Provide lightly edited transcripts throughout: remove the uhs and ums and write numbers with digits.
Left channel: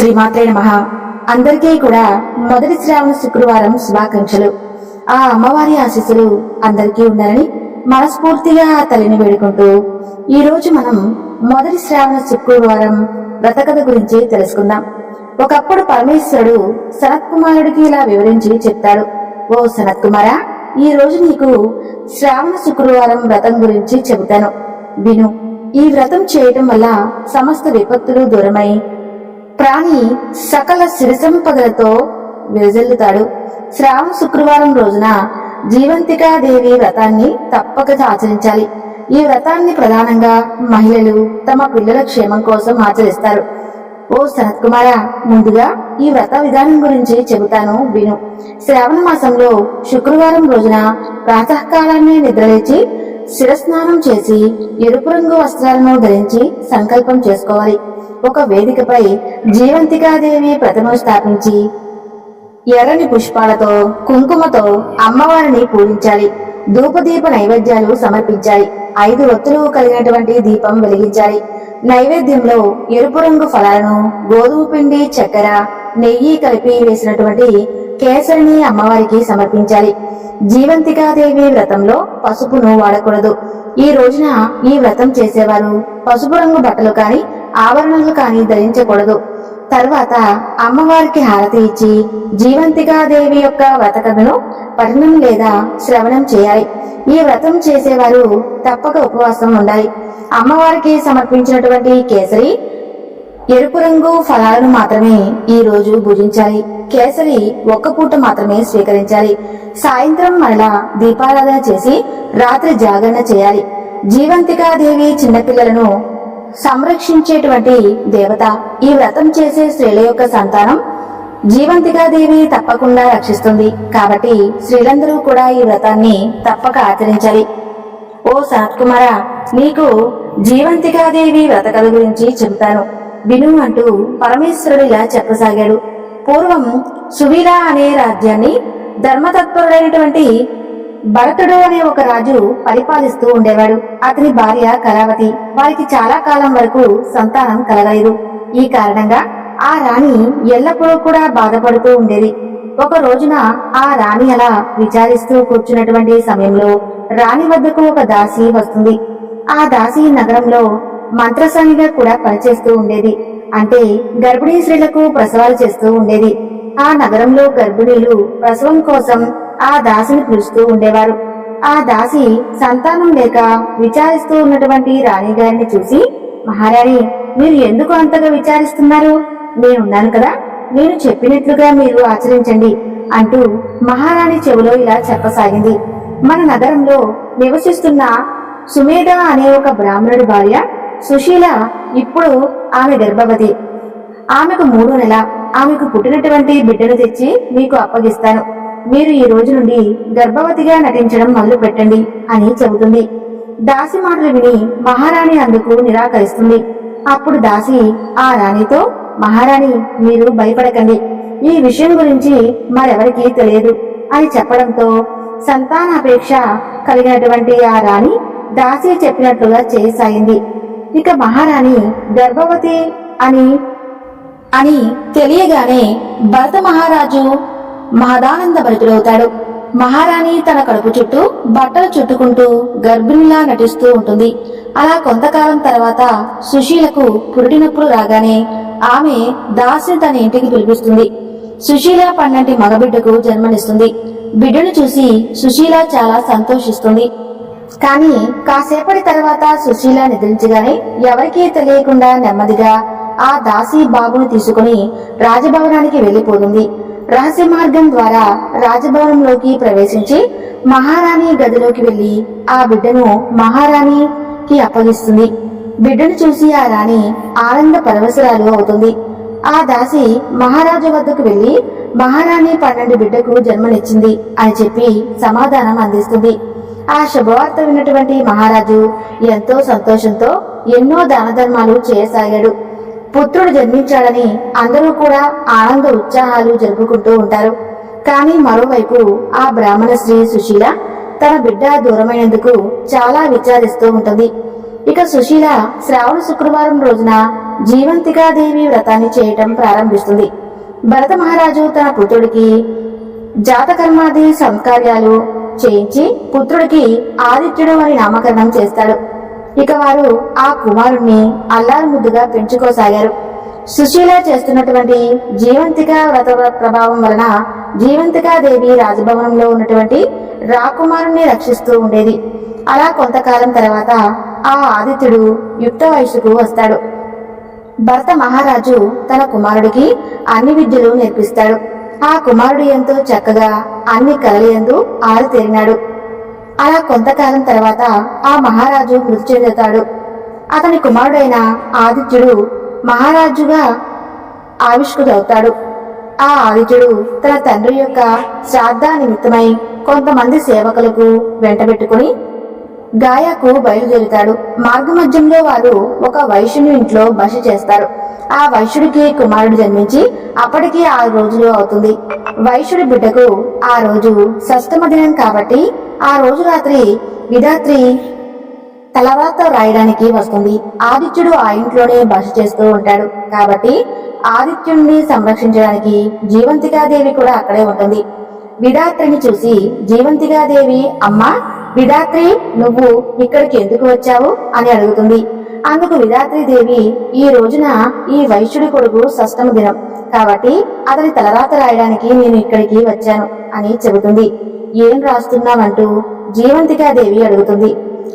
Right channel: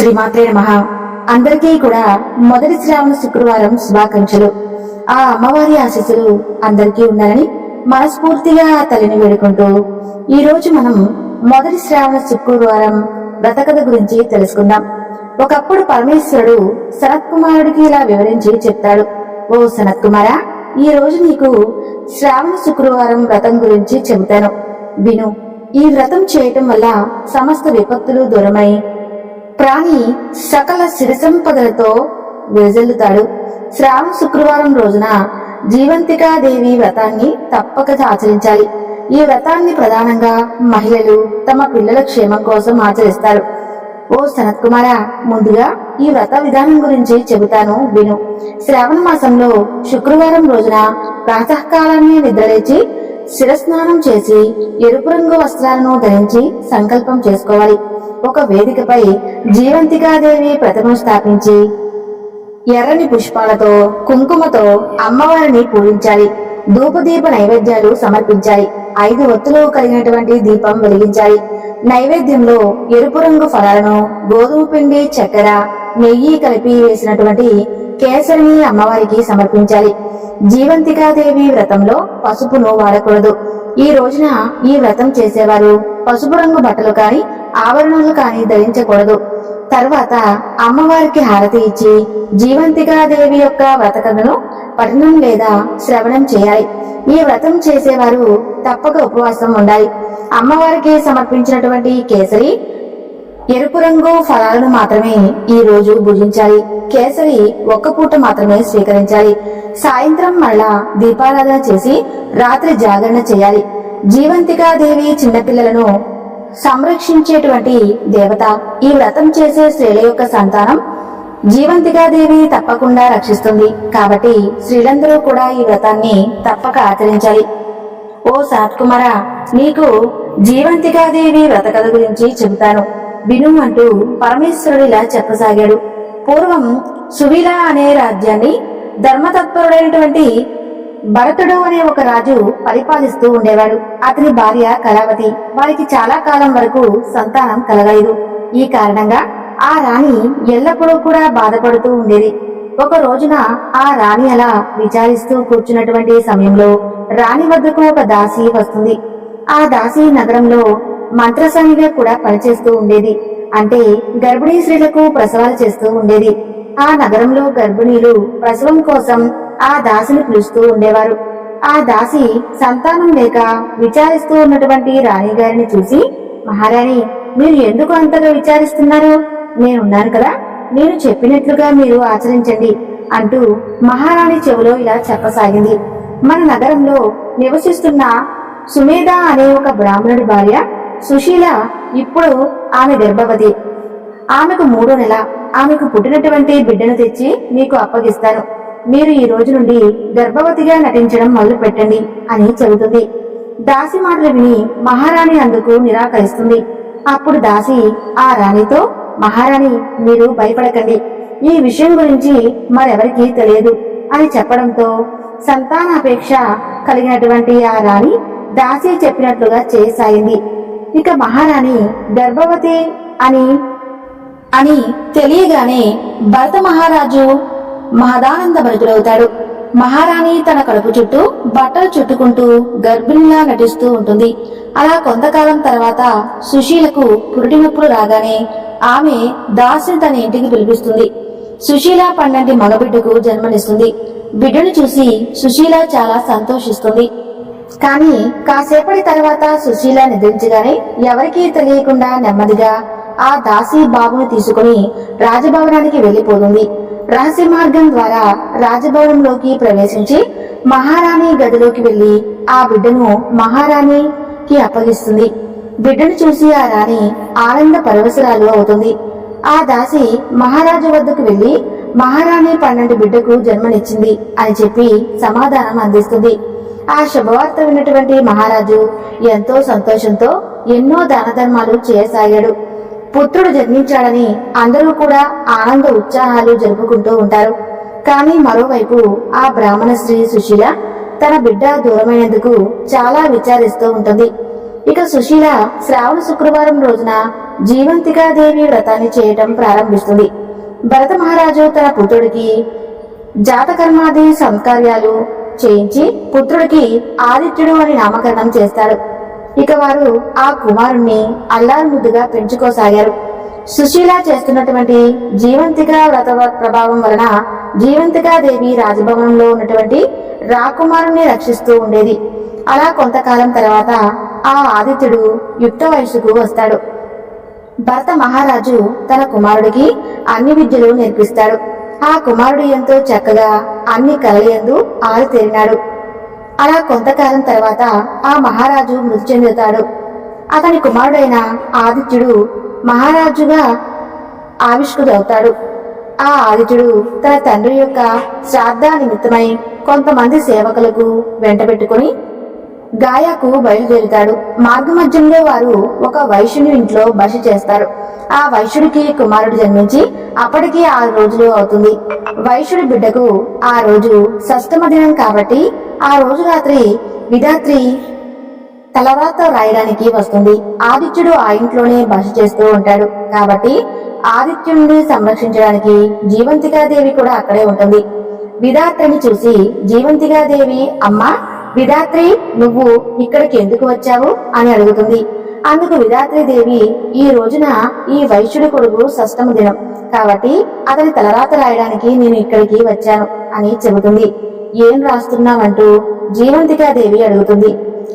శ్రీమాత్రే నమః. అందరికీ కూడా మొదటి శ్రావణ శుక్రవారం శుభాకాంక్షలు. ఆ అమ్మవారి ఆశీస్సులు అందరికీ ఉండాలని మనస్ఫూర్తిగా ఆ తల్లిని వేడుకుంటూ ఈ రోజు మనం మొదటి శ్రావణ శుక్రవారం వ్రతకథ గురించి తెలుసుకుందాం. ఒకప్పుడు పరమేశ్వరుడు సనత్ కుమారుడికి ఇలా వివరించి చెప్తాడు. ఓ సనత్ కుమారా, ఈ రోజు నీకు శ్రావణ శుక్రవారం వ్రతం గురించి చెబుతాను, విను. ఈ వ్రతం చేయటం వల్ల సమస్త విపత్తులు దూరమై ప్రాణి సకల సిరి సంపదలతో విరజిల్లుతాడు. శ్రావణ శుక్రవారం రోజున జీవంతికాదేవి వ్రతాన్ని తప్పక ఆచరించాలి. ఈ వ్రతాన్ని ప్రధానంగా మహిళలు తమ పిల్లల క్షేమం కోసం ఆచరిస్తారు. ఓ సనత్ కుమారా, ముందుగా ఈ వ్రత విధానం గురించి చెబుతాను, విను. శ్రావణ మాసంలో శుక్రవారం రోజున ప్రాతకాలాన్ని నిద్రలేచి శిరస్నానం చేసి ఎరుపు రంగు వస్త్రాలను ధరించి సంకల్పం చేసుకోవాలి. ఒక వేదికపై జీవంతికాదేవి ప్రతిమను స్థాపించి ఎర్రని పుష్పాలతో కుంకుమతో అమ్మవారిని పూజించాలి. ధూపదీప నైవేద్యాలు సమర్పించాలి. 5 ఒత్తులు కలిగినటువంటి దీపం వెలిగించాలి. నైవేద్యంలో ఎరుపు రంగు ఫలాలను, గోధుమ పిండి, చక్కెర, నెయ్యి కలిపి వేసినటువంటి కేసరిని అమ్మవారికి సమర్పించాలి. జీవంతికాదేవి వ్రతంలో పసుపును వాడకూడదు. ఈ రోజున ఈ వ్రతం చేసేవారు పసుపు రంగు బట్టలు కాని ఆభరణాలు కాని ధరించకూడదు. తర్వాత అమ్మవారికి హారతి ఇచ్చి జీవంతికాదేవి యొక్క వ్రతకథను పఠనం లేదా శ్రవణం చేయాలి. ఈ వ్రతం చేసేవారు తప్పక ఉపవాసం ఉండాలి. అమ్మవారికి సమర్పించినటువంటి కేసరి, ఎరుపు రంగు ఫలాలను మాత్రమే ఈ రోజు భుజించాలి. కేసరి ఒక్క పూట మాత్రమే స్వీకరించాలి. సాయంత్రం మరలా దీపారాధన చేసి రాత్రి జాగరణ చేయాలి. జీవంతికాదేవి చిన్నపిల్లలను సంరక్షించేటువంటి దేవత. ఈ వ్రతం చేసే స్త్రీల యొక్క సంతానం జీవంతికాదేవి తప్పకుండా రక్షిస్తుంది. కాబట్టి స్త్రీలందరూ కూడా ఈ వ్రతాన్ని తప్పక ఆచరించాలి. ఓ సనత్ కుమారా, నీకు జీవంతికాదేవి వ్రత కథ గురించి చెబుతాను, విను అంటూ పరమేశ్వరుడు ఇలా చెప్పసాగాడు. పూర్వం సువీల అనే రాజ్యాన్ని ధర్మతత్పరుడైనటువంటి భరతుడు అనే ఒక రాజు పరిపాలిస్తూ ఉండేవాడు. అతని భార్య కళావతి. వారికి చాలా కాలం వరకు సంతానం కలగలేదు. ఈ కారణంగా ఆ రాణి ఎల్లప్పుడూ కూడా బాధపడుతూ ఉండేది. ఒక రోజున ఆ రాణి అలా విచారిస్తూ కూర్చున్నటువంటి సమయంలో రాణి వద్దకు ఒక దాసి వస్తుంది. ఆ దాసి నగరంలో మంత్రసానిగా కూడా పనిచేస్తూ ఉండేది. అంటే గర్భిణీ స్త్రీలకు ప్రసవాలు చేస్తూ ఉండేది. ఆ నగరంలో గర్భిణీలు ప్రసవం కోసం ఆ దాసిని పిలుస్తూ ఉండేవారు. ఆ దాసి సంతానం లేక విచారిస్తూ ఉన్నటువంటి రాణి గారిని చూసి, మహారాణి, మీరు ఎందుకు అంతగా విచారిస్తున్నారు? నేనున్నాను కదా, నేను చెప్పినట్లుగా మీరు ఆచరించండి అంటూ మహారాణి చెవిలో ఇలా చెప్పసాగింది. మన నగరంలో నివసిస్తున్న సుమేధ అనే ఒక బ్రాహ్మణుడి భార్య సుశీల ఇప్పుడు ఆమె గర్భవతి. ఆమెకు 3వ నెల. ఆమెకు పుట్టినటువంటి బిడ్డను తెచ్చి మీకు అప్పగిస్తాను. మీరు ఈ రోజు నుండి గర్భవతిగా నటించడం మొదలు పెట్టండి అని చెబుతుంది. దాసి మాటలు విని మహారాణి అందుకు నిరాకరిస్తుంది. అప్పుడు దాసి ఆ రాణితో, మహారాణి, మీరు భయపడకండి, ఈ విషయం గురించి మరెవరికీ తెలియదు అని చెప్పడంతో సంతానాపేక్ష కలిగినటువంటి ఆ రాణి దాసి చెప్పినట్లుగా చేయసాగింది. ఇక మహారాణి గర్భవతి అని తెలియగానే భరత మహారాజు మహదానంద భరితుడవుతాడు. మహారాణి తన కడుపు చుట్టూ బట్టలు చుట్టుకుంటూ గర్భిణిలా నటిస్తూ ఉంటుంది. అలా కొంతకాలం తర్వాత సుశీలకు పురిటి నొప్పులు రాగానే ఆమె దాసిని తన ఇంటికి పిలిపిస్తుంది. సుశీల 12 మగబిడ్డకు జన్మనిస్తుంది. బిడ్డను చూసి సుశీల చాలా సంతోషిస్తుంది. కానీ కాసేపటి తర్వాత సుశీల నిద్రించగానే ఎవరికీ తెలియకుండా నెమ్మదిగా ఆ దాసి బాబును తీసుకుని రాజభవనానికి వెళ్లిపోతుంది. రహస్య మార్గం ద్వారా రాజభవనంలోకి ప్రవేశించి మహారాణి గదిలోకి వెళ్లి ఆ బిడ్డను మహారాణికి అప్పగిస్తుంది. బిడ్డను చూసి ఆ రాణి ఆనంద పరవశురాలు అవుతుంది. ఆ దాసి మహారాజు వద్దకు వెళ్లి మహారాణి 12 బిడ్డకు జన్మనిచ్చింది అని చెప్పి సమాధానం అందిస్తుంది. ఆ శుభవార్త విన్నటువంటి మహారాజు ఎంతో సంతోషంతో ఎన్నో దాన ధర్మాలు చేయసాగాడు. పుత్రుడు జన్మించాడని అందరూ కూడా ఆనంద ఉత్సాహాలు జరుపుకుంటూ ఉంటారు. కానీ మరోవైపు ఆ బ్రాహ్మణ స్త్రీ సుశీల తన బిడ్డ దూరమైనందుకు చాలా విచారిస్తూ ఉంటుంది. ఇక సుశీల శ్రావణ శుక్రవారం రోజున జీవంతికాదేవి వ్రతాన్ని చేయటం ప్రారంభిస్తుంది. భరత మహారాజు తన పుత్రుడికి జాతకర్మాది సంస్కార్యాలు చేయించి పుత్రుడికి ఆదిత్యుడు అని నామకరణం చేస్తాడు. ఇక వారు ఆ కుమారుణ్ణి అల్లారు ముద్దుగా పెంచుకోసాగారు. సుశీల చేస్తున్నటువంటి జీవంతిక వ్రత ప్రభావం వలన జీవంతికాదేవి రాజభవనంలో ఉన్నటువంటి రాకుమారుణ్ణి రక్షిస్తూ ఉండేది. అలా కొంతకాలం తర్వాత ఆ ఆదిత్యుడు యుక్త వయసుకు వస్తాడు. భరత మహారాజు తన కుమారుడికి అన్ని విద్యలు నేర్పిస్తాడు. ఆ కుమారుడు ఎంతో చక్కగా అన్ని కళలయందు ఆరితేరినాడు. అలా కొంతకాలం తర్వాత ఆ మహారాజు మృతి చెందుతాడు. అతని కుమారుడైన ఆదిత్యుడు మహారాజుగా ఆవిష్కృతవుతాడు. ఆ ఆదిత్యుడు తన తండ్రి యొక్క శ్రాద్ధ నిమిత్తమై కొంతమంది సేవకులకు వెంటబెట్టుకుని గాయాకు బయలుదేరుతాడు. మార్గమధ్యంలో వారు ఒక వైశ్యుని ఇంట్లో బస చేస్తారు. ఆ వైశ్యుడికి కుమారుడు జన్మించి అప్పటికి 6 రోజులు అవుతుంది. వైశ్యుడి బిడ్డకు ఆ రోజు షష్టమ దినం కాబట్టి ఆ రోజు రాత్రి విధాత్రి తలరాత రాయడానికి వస్తుంది. ఆదిత్యుడు ఆ ఇంట్లోనే బస చేస్తూ ఉంటాడు కాబట్టి ఆదిత్యుడిని సంరక్షించడానికి జీవంతికాదేవి కూడా అక్కడే ఉంటుంది. విధాత్రిని చూసి జీవంతికాదేవి, అమ్మా విధాత్రి, నువ్వు ఇక్కడికి ఎందుకు వచ్చావు అని అడుగుతుంది. అందుకు విధాత్రీదేవి, ఈ రోజున ఈ వైశ్యుడి కొడుకు షష్టమ దినం కాబట్టి అతని తలరాత రాయడానికి నేను ఇక్కడికి వచ్చాను అని చెబుతుంది. ఏం రాస్తున్నావంటూ జీవంతికాదేవి అడుగుతుంది.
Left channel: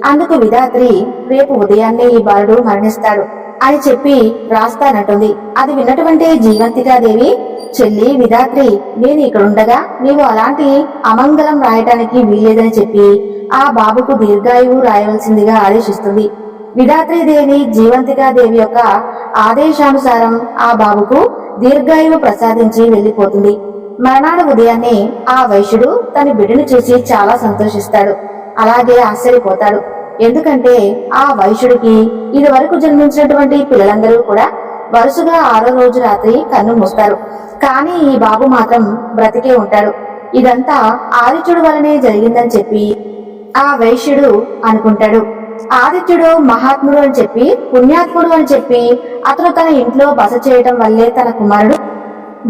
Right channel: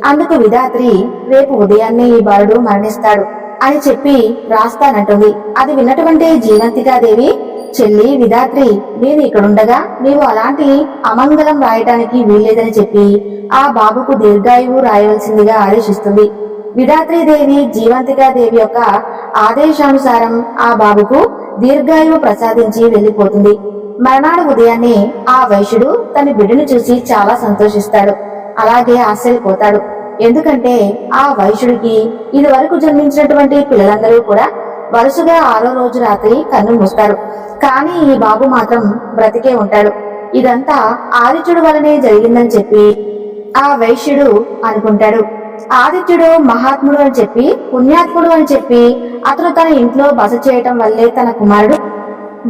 అందుకు విధాత్రి, రేపు ఉదయాన్నే ఈ బాలుడు మరణిస్తాడు అని చెప్పి రాస్తానంటుంది. అది విన్నటువంటి జీవంతికాదేవి, చెల్లి విధాత్రి, నేను ఇక్కడుండగా నీవు అలాంటి అమంగళం రాయటానికి వీల్లేదని చెప్పి ఆ బాబుకు దీర్ఘాయువు రాయవలసిందిగా ఆదేశిస్తుంది. విధాత్రీదేవి జీవంతికాదేవి యొక్క ఆదేశానుసారం ఆ బాబుకు దీర్ఘాయువు ప్రసాదించి వెళ్లిపోతుంది. మర్నాడు ఉదయాన్నే ఆ వైశ్యుడు తన బిడ్డను చూసి చాలా సంతోషిస్తాడు. అలాగే ఆశ్చర్యపోతాడు. ఎందుకంటే ఆ వైశ్యుడికి ఇది వరకు జన్మించినటువంటి పిల్లలందరూ కూడా వరుసగా 6వ రోజు రాత్రి కన్ను మూస్తారు. కానీ ఈ బాబు మాత్రం బ్రతికే ఉంటాడు. ఇదంతా ఆదిత్యుడు వలనే జరిగిందని చెప్పి ఆ వైశ్యుడు అనుకుంటాడు. ఆదిత్యుడు మహాత్ముడు అని చెప్పి, పుణ్యాత్ముడు అని చెప్పి అతను తన ఇంట్లో బస చేయటం వల్లే తన కుమారుడు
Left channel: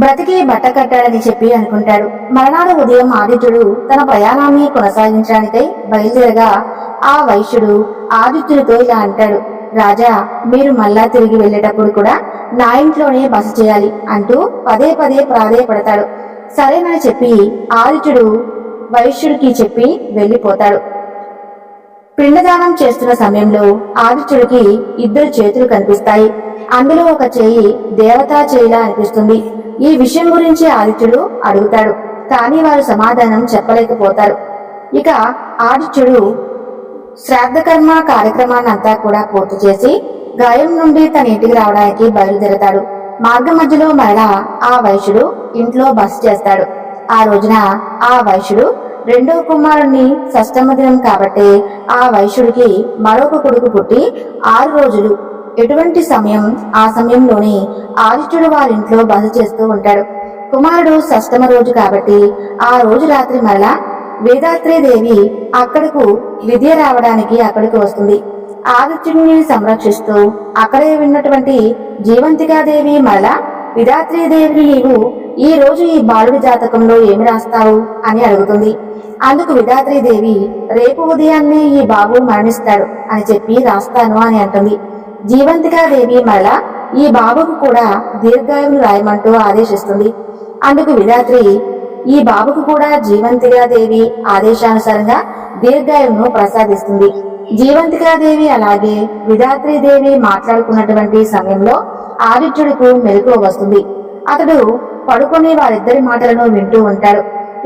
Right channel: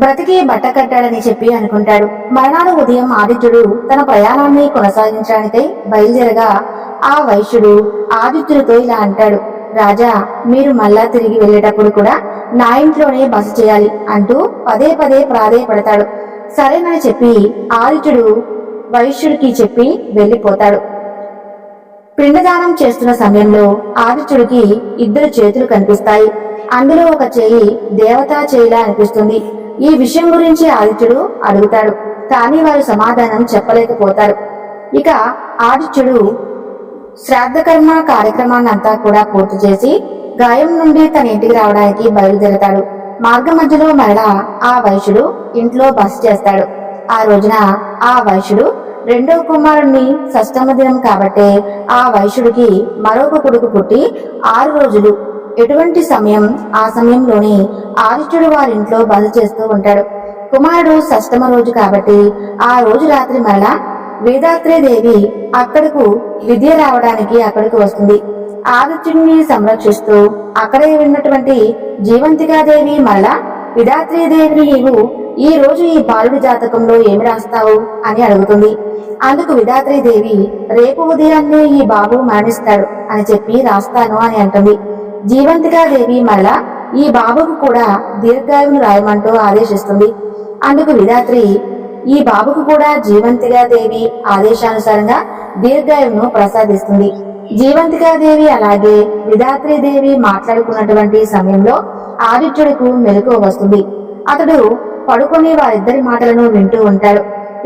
బ్రతికి బట్ట కట్టాడని చెప్పి అనుకుంటాడు. మరునాడు ఉదయం ఆదిత్యుడు తన ప్రయాణాన్ని కొనసాగించడానికై బయలుదేరగా ఆ వైశ్యుడు ఆదిత్యుడితో ఇలా అంటాడు. రాజా, మీరు మళ్ళా తిరిగి వెళ్లేటప్పుడు కూడా నా ఇంట్లోనే బస చేయాలి అంటూ పదే పదే ప్రాధేయపడతాడు. సరేనని చెప్పి ఆదిత్యుడు వైశ్యుడికి చెప్పి వెళ్లిపోతాడు. పిండదానం చేస్తున్న సమయంలో ఆదిత్యుడికి 2 చేతులు కనిపిస్తాయి. అందులో ఒక చేయి దేవతా చేయిలా అనిపిస్తుంది. ఈ విషయం గురించి ఆదిత్యుడు అడుగుతాడు. కానీ వారు సమాధానం చెప్పలేకపోతారు. ఇక ఆదిత్యుడు శ్రాద్ధకర్మ కార్యక్రమాన్నంతా కూడా పూర్తి చేసి గాయం నుండి తన ఇంటికి రావడానికి బయలుదేరతాడు. మార్గ మధ్యలో మరలా ఆ వైశ్యుడు ఇంట్లో బస చేస్తాడు. ఆ రోజున ఆ వైశ్యుడు 2వ కుమారుణ్ణి షష్టమ దినం కాబట్టే ఆ వైశ్యుడికి మరొక కొడుకు పుట్టి 6 రోజులు ఎటువంటి సమయం ఆ సమయంలోనే ఆదిత్యుడు వారింట్లో బస చేస్తూ ఉంటాడు. కుమారుడు షష్టమ రోజు కాబట్టి ఆ రోజు రాత్రి మరలా వేదాత్రేదేవి అక్కడకు విద్య రావడానికి అక్కడికి వస్తుంది. ఆదిత్యుడిని సంరక్షిస్తూ అక్కడే ఉన్నటువంటి జీవంతికాదేవి మరలా విధాత్రీదేవిని, నీవు ఈ రోజు ఈ బాలుడి జాతకంలో ఏమి రాస్తావు అని అడుగుతుంది. అందుకు విధాత్రీదేవి, రేపు ఉదయాన్నే ఈ బాబు మరణిస్తాడు అని చెప్పి రాస్తాను అని అంటుంది. జీవంతికాదేవి మరలా ఈ బాబుకు కూడా దీర్ఘాయువును రాయమంటూ ఆదేశిస్తుంది. అందుకు విధాత్రి, ఈ బాబుకు కూడా జీవంతికాదేవి ఆదేశానుసారంగా దీర్ఘాయువును ప్రసాదిస్తుంది. జీవంతికాదేవి అలాగే విధాత్రీదేవి మాట్లాడుకున్నటువంటి సమయంలో ఆదిత్యుడికి మెలకువ వస్తుంది. అతడు పడుకొని వారిద్దరి మాటలను వింటూ ఉంటాడు.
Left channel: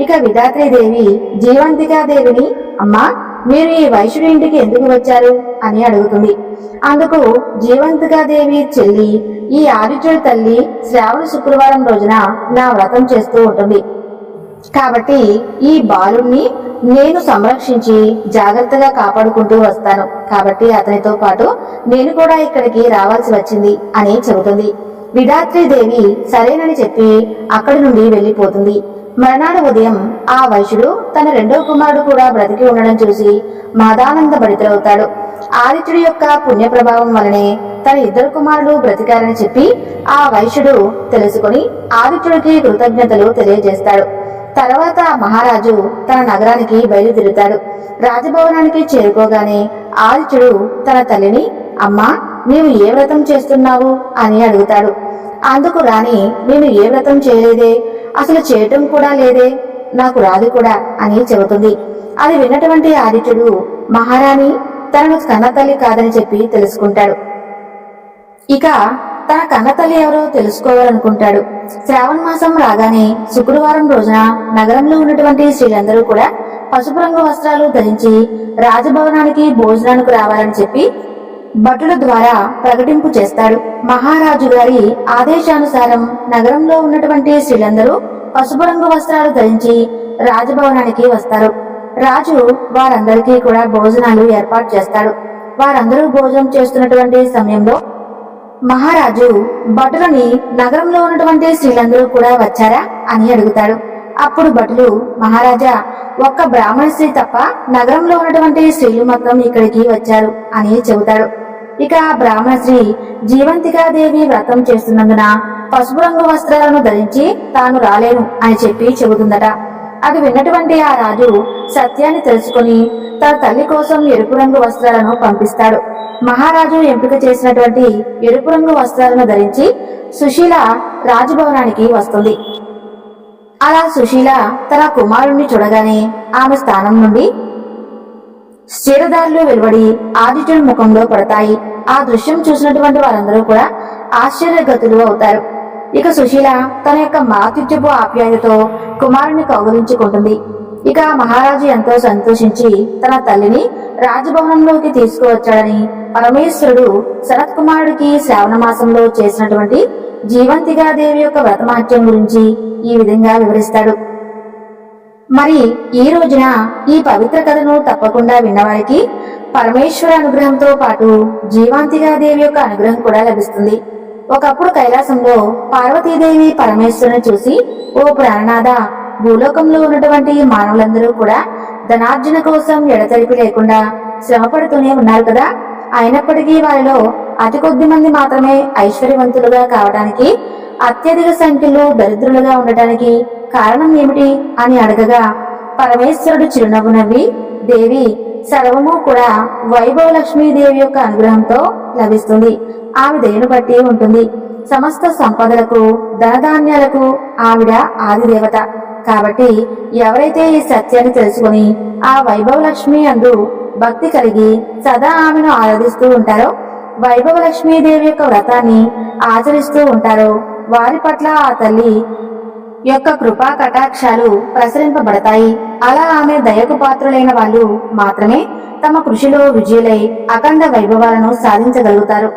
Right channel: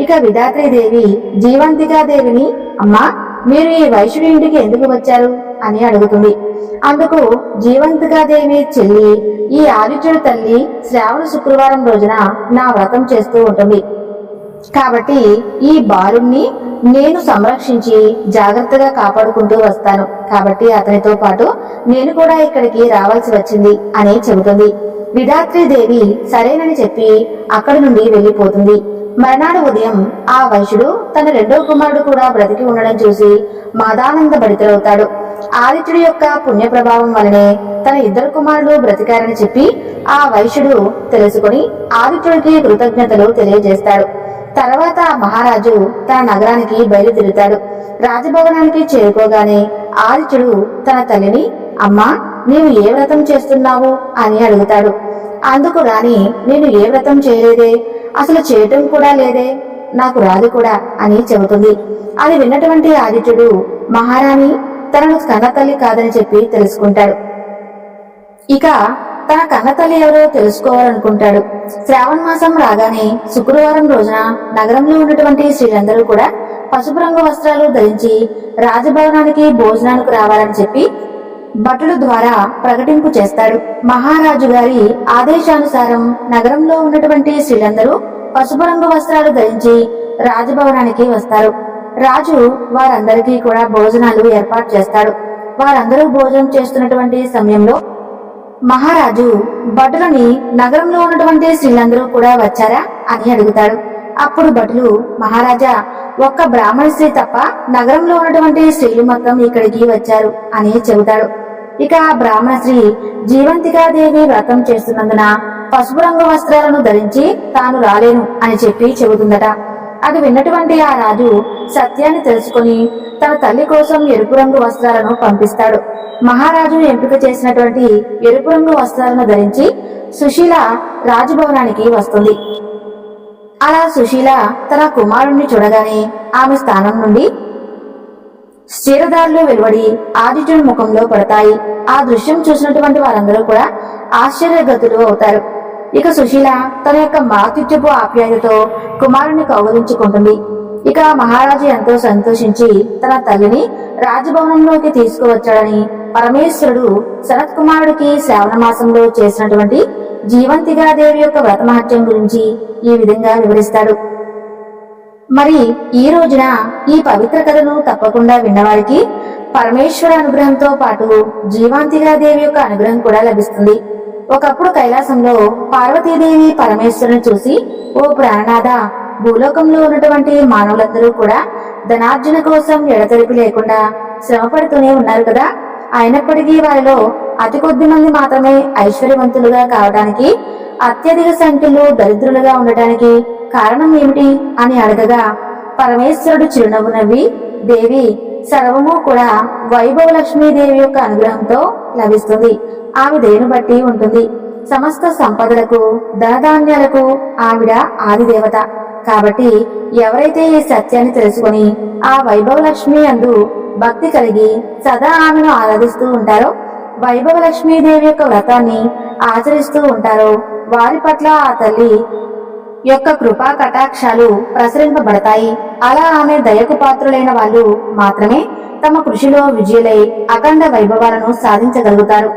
ఇక విధాత్రీదేవి జీవంతికాదేవిని, అమ్మా, మీరు ఈ వైశ్యుడి ఇంటికి ఎందుకు వచ్చారు అని అడుగుతుంది. అందుకు జీవంతికాదేవి, చెల్లి, ఈ ఆదిత్యుడి తల్లి శ్రావణ శుక్రవారం రోజున నా వ్రతం చేస్తూ ఉంటుంది కాబట్టి ఈ బాలుణ్ణి నేను సంరక్షించి జాగ్రత్తగా కాపాడుకుంటూ వస్తాను కాబట్టి అతనితో పాటు నేను కూడా ఇక్కడికి రావాల్సి వచ్చింది అని చెబుతుంది. విధాత్రీదేవి సరేనని చెప్పి అక్కడి నుండి వెళ్లిపోతుంది. మర్నాడు ఉదయం ఆ వైశ్యుడు తన 2వ కుమారుడు కూడా బ్రతికి ఉండడం చూసి మహదానంద భరితులవుతాడు. ఆదిత్యుడి యొక్క పుణ్య ప్రభావం వలనే తన ఇద్దరు కుమారులు బ్రతికారని చెప్పి ఆ వైశ్యుడు తెలుసుకుని ఆదిత్యుడికి కృతజ్ఞతలు తెలియజేస్తాడు. తర్వాత మహారాజు తన నగరానికి బయలుదేరుతాడు. రాజభవనానికి చేరుకోగానే ఆదిత్యుడు తన తల్లిని, అమ్మా, నీవు ఏ వ్రతం చేస్తున్నావు అని అడుగుతాడు. అందుకు రాణి, నేను ఏ వ్రతం చేయలేదే, అసలు చేయటం కూడా లేదే, నాకు రాదు కూడా అని చెబుతుంది. అది విన్నటువంటి ఆదిత్యుడు మహారాణి తనను కన్నతల్లి కాదని చెప్పి తెలుసుకుంటాడు. ఇక తన కన్నతల్లి ఎవరో తెలుసుకోవాలనుకుంటాడు. శ్రావణ మాసం రాగానే శుక్రవారం రోజున నగరంలో ఉన్నటువంటి స్త్రీలందరూ కూడా పసుపు రంగు వస్త్రాలు ధరించి రాజభవనానికి భోజనానికి రావాలని చెప్పి భటుల ద్వారా ప్రకటింపు చేస్తాడు. మహారాజు గారి ఆదేశానుసారం నగరంలో ఉన్నటువంటి స్త్రీలందరూ పసుపు రంగు వస్త్రాలు ధరించి రాజభవనానికి వస్తారు. రాజు వారందరికీ కూడా భోజనాలు ఏర్పాటు చేస్తాడు. వారందరూ భోజనం చేస్తున్నటువంటి సమయంలో మహారాజు భటులని, నగరంలో ఉన్నటువంటి స్త్రీలందరూ కూడా వచ్చారా అని అడుగుతాడు. అప్పుడు భటులు, మహారాజా, ఒక్క బ్రాహ్మణ స్త్రీ తప్ప నగరంలో ఉన్నటువంటి స్త్రీలు మొత్తం ఇక్కడికి వచ్చారు అని చెబుతాడు. ఇక ఆ బ్రాహ్మణ స్త్రీ జీవంతికాదేవి వ్రతం చేస్తున్నందున పసుపు రంగు వస్త్రాలను ధరించి తాను రాలేను అని చెప్పి చెబుతుందట. అది విన్నటువంటి ఆ రాజు సత్యాన్ని తెలుసుకుని తన తల్లి కోసం ఎరుపు రంగు వస్త్రాలను పంపిస్తాడు. మహారాజు ఎంపిక చేసినటువంటి ఎరుపు రంగు వస్త్రాలను ధరించి సుశీల రాజభవనానికి వస్తుంది. అలా సుశీల తన కుమారుణ్ణి చూడగానే ఆమె స్థానం నుండి క్షీరదారులు వెలువడి ఆదిత్యుడి ముఖంలో పడతాయి. ఆ దృశ్యం చూసినటువంటి వారందరూ కూడా ఆశ్చర్యగతులు అవుతారు. ఇక సుశీల తన యొక్క మాతృత్వపు ఆప్యాయతతో కుమారుణ్ణి కౌగలించుకుంటుంది. ఇక మహారాజు ఎంతో సంతోషించి తన తల్లిని రాజభవనంలోకి తీసుకువచ్చాడని పరమేశ్వరుడు సనత్ కుమారుడికి శ్రావణ మాసంలో చేసినటువంటి జీవంతిగాదేవి యొక్క వ్రతమహత్యం గురించి ఈ విధంగా వివరిస్తాడు. మరి ఈ రోజున ఈ పవిత్ర కథను తప్పకుండా విన్నవారికి పరమేశ్వర అనుగ్రహంతో పాటు జీవాంతిగాదేవి యొక్క అనుగ్రహం కూడా లభిస్తుంది. ఒకప్పుడు కైలాసంలో పార్వతీదేవి పరమేశ్వరుని చూసి, ఓ ప్రాణనాథ, భూలోకంలో ఉన్నటువంటి మానవులందరూ కూడా ధనార్జన కోసం ఎడతెరిపి లేకుండా శ్రమపడుతూనే ఉన్నారు కదా, అయినప్పటికీ వారిలో అతి కొద్ది మంది మాత్రమే ఐశ్వర్యవంతులుగా కావడానికి, అత్యధిక సంఖ్యలో దరిద్రులుగా ఉండటానికి కారణం ఏమిటి అని అడగగా పరమేశ్వరుడు చిరునవ్వు నవ్వి, దేవి, సర్వము కూడా వైభవ లక్ష్మీదేవి యొక్క అనుగ్రహంతో లభిస్తుంది. ఆమె దయను బట్టి ఉంటుంది. సమస్త సంపదలకు, ధనధాన్యాలకు ఆవిడ ఆదిదేవత. కాబట్టి ఎవరైతే ఈ సత్యాన్ని తెలుసుకుని ఆ వైభవ లక్ష్మి అందు భక్తి కలిగి సదా ఆమెను ఆరాధిస్తూ ఉంటారో, వైభవ లక్ష్మీదేవి యొక్క వ్రతాన్ని ఆచరిస్తూ ఉంటారో, వారి పట్ల ఆ తల్లి యొక్క కృపా కటాక్షాలు ప్రసరింపబడతాయి. అలా ఆమె దయకు పాత్రులైన వాళ్ళు మాత్రమే తమ కృషిలో విజయులై అఖండ వైభవాలను సాధించగలుగుతారు.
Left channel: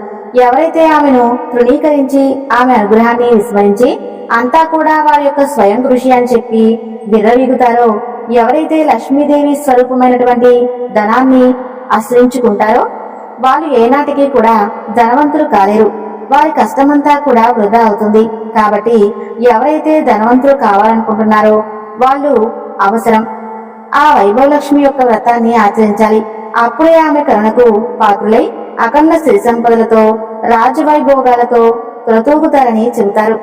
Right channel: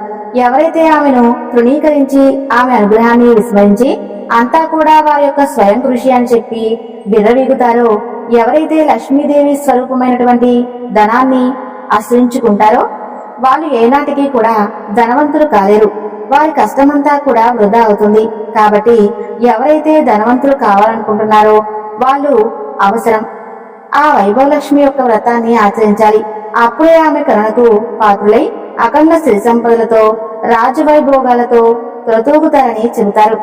ఎవరైతే ఆమెను తృణీకరించి ఆమె అనుగ్రహాన్ని విస్మరించి అంతా కూడా వారి యొక్క స్వయం కృషి అని చెప్పి విర్రవీగుతారో, ఎవరైతే లక్ష్మీదేవి స్వరూపమైనటువంటి ధనాన్ని ఆశ్రయించుకుంటారో వాళ్ళు ఏనాటికి కూడా ధనవంతులు కాలేరు. వారి కష్టమంతా కూడా వృధా అవుతుంది. కాబట్టి ఎవరైతే ధనవంతులు కావాలనుకుంటున్నారో వాళ్ళు అవసరం ఆ వైభవలక్ష్మి యొక్క వ్రతాన్ని ఆచరించాలి. అప్పుడే ఆమె కరుణకు పాత్రులై అఖండ శ్రీ సంపదలతో రాజవైభోగాలతో తులతూగుతారని చెబుతారు.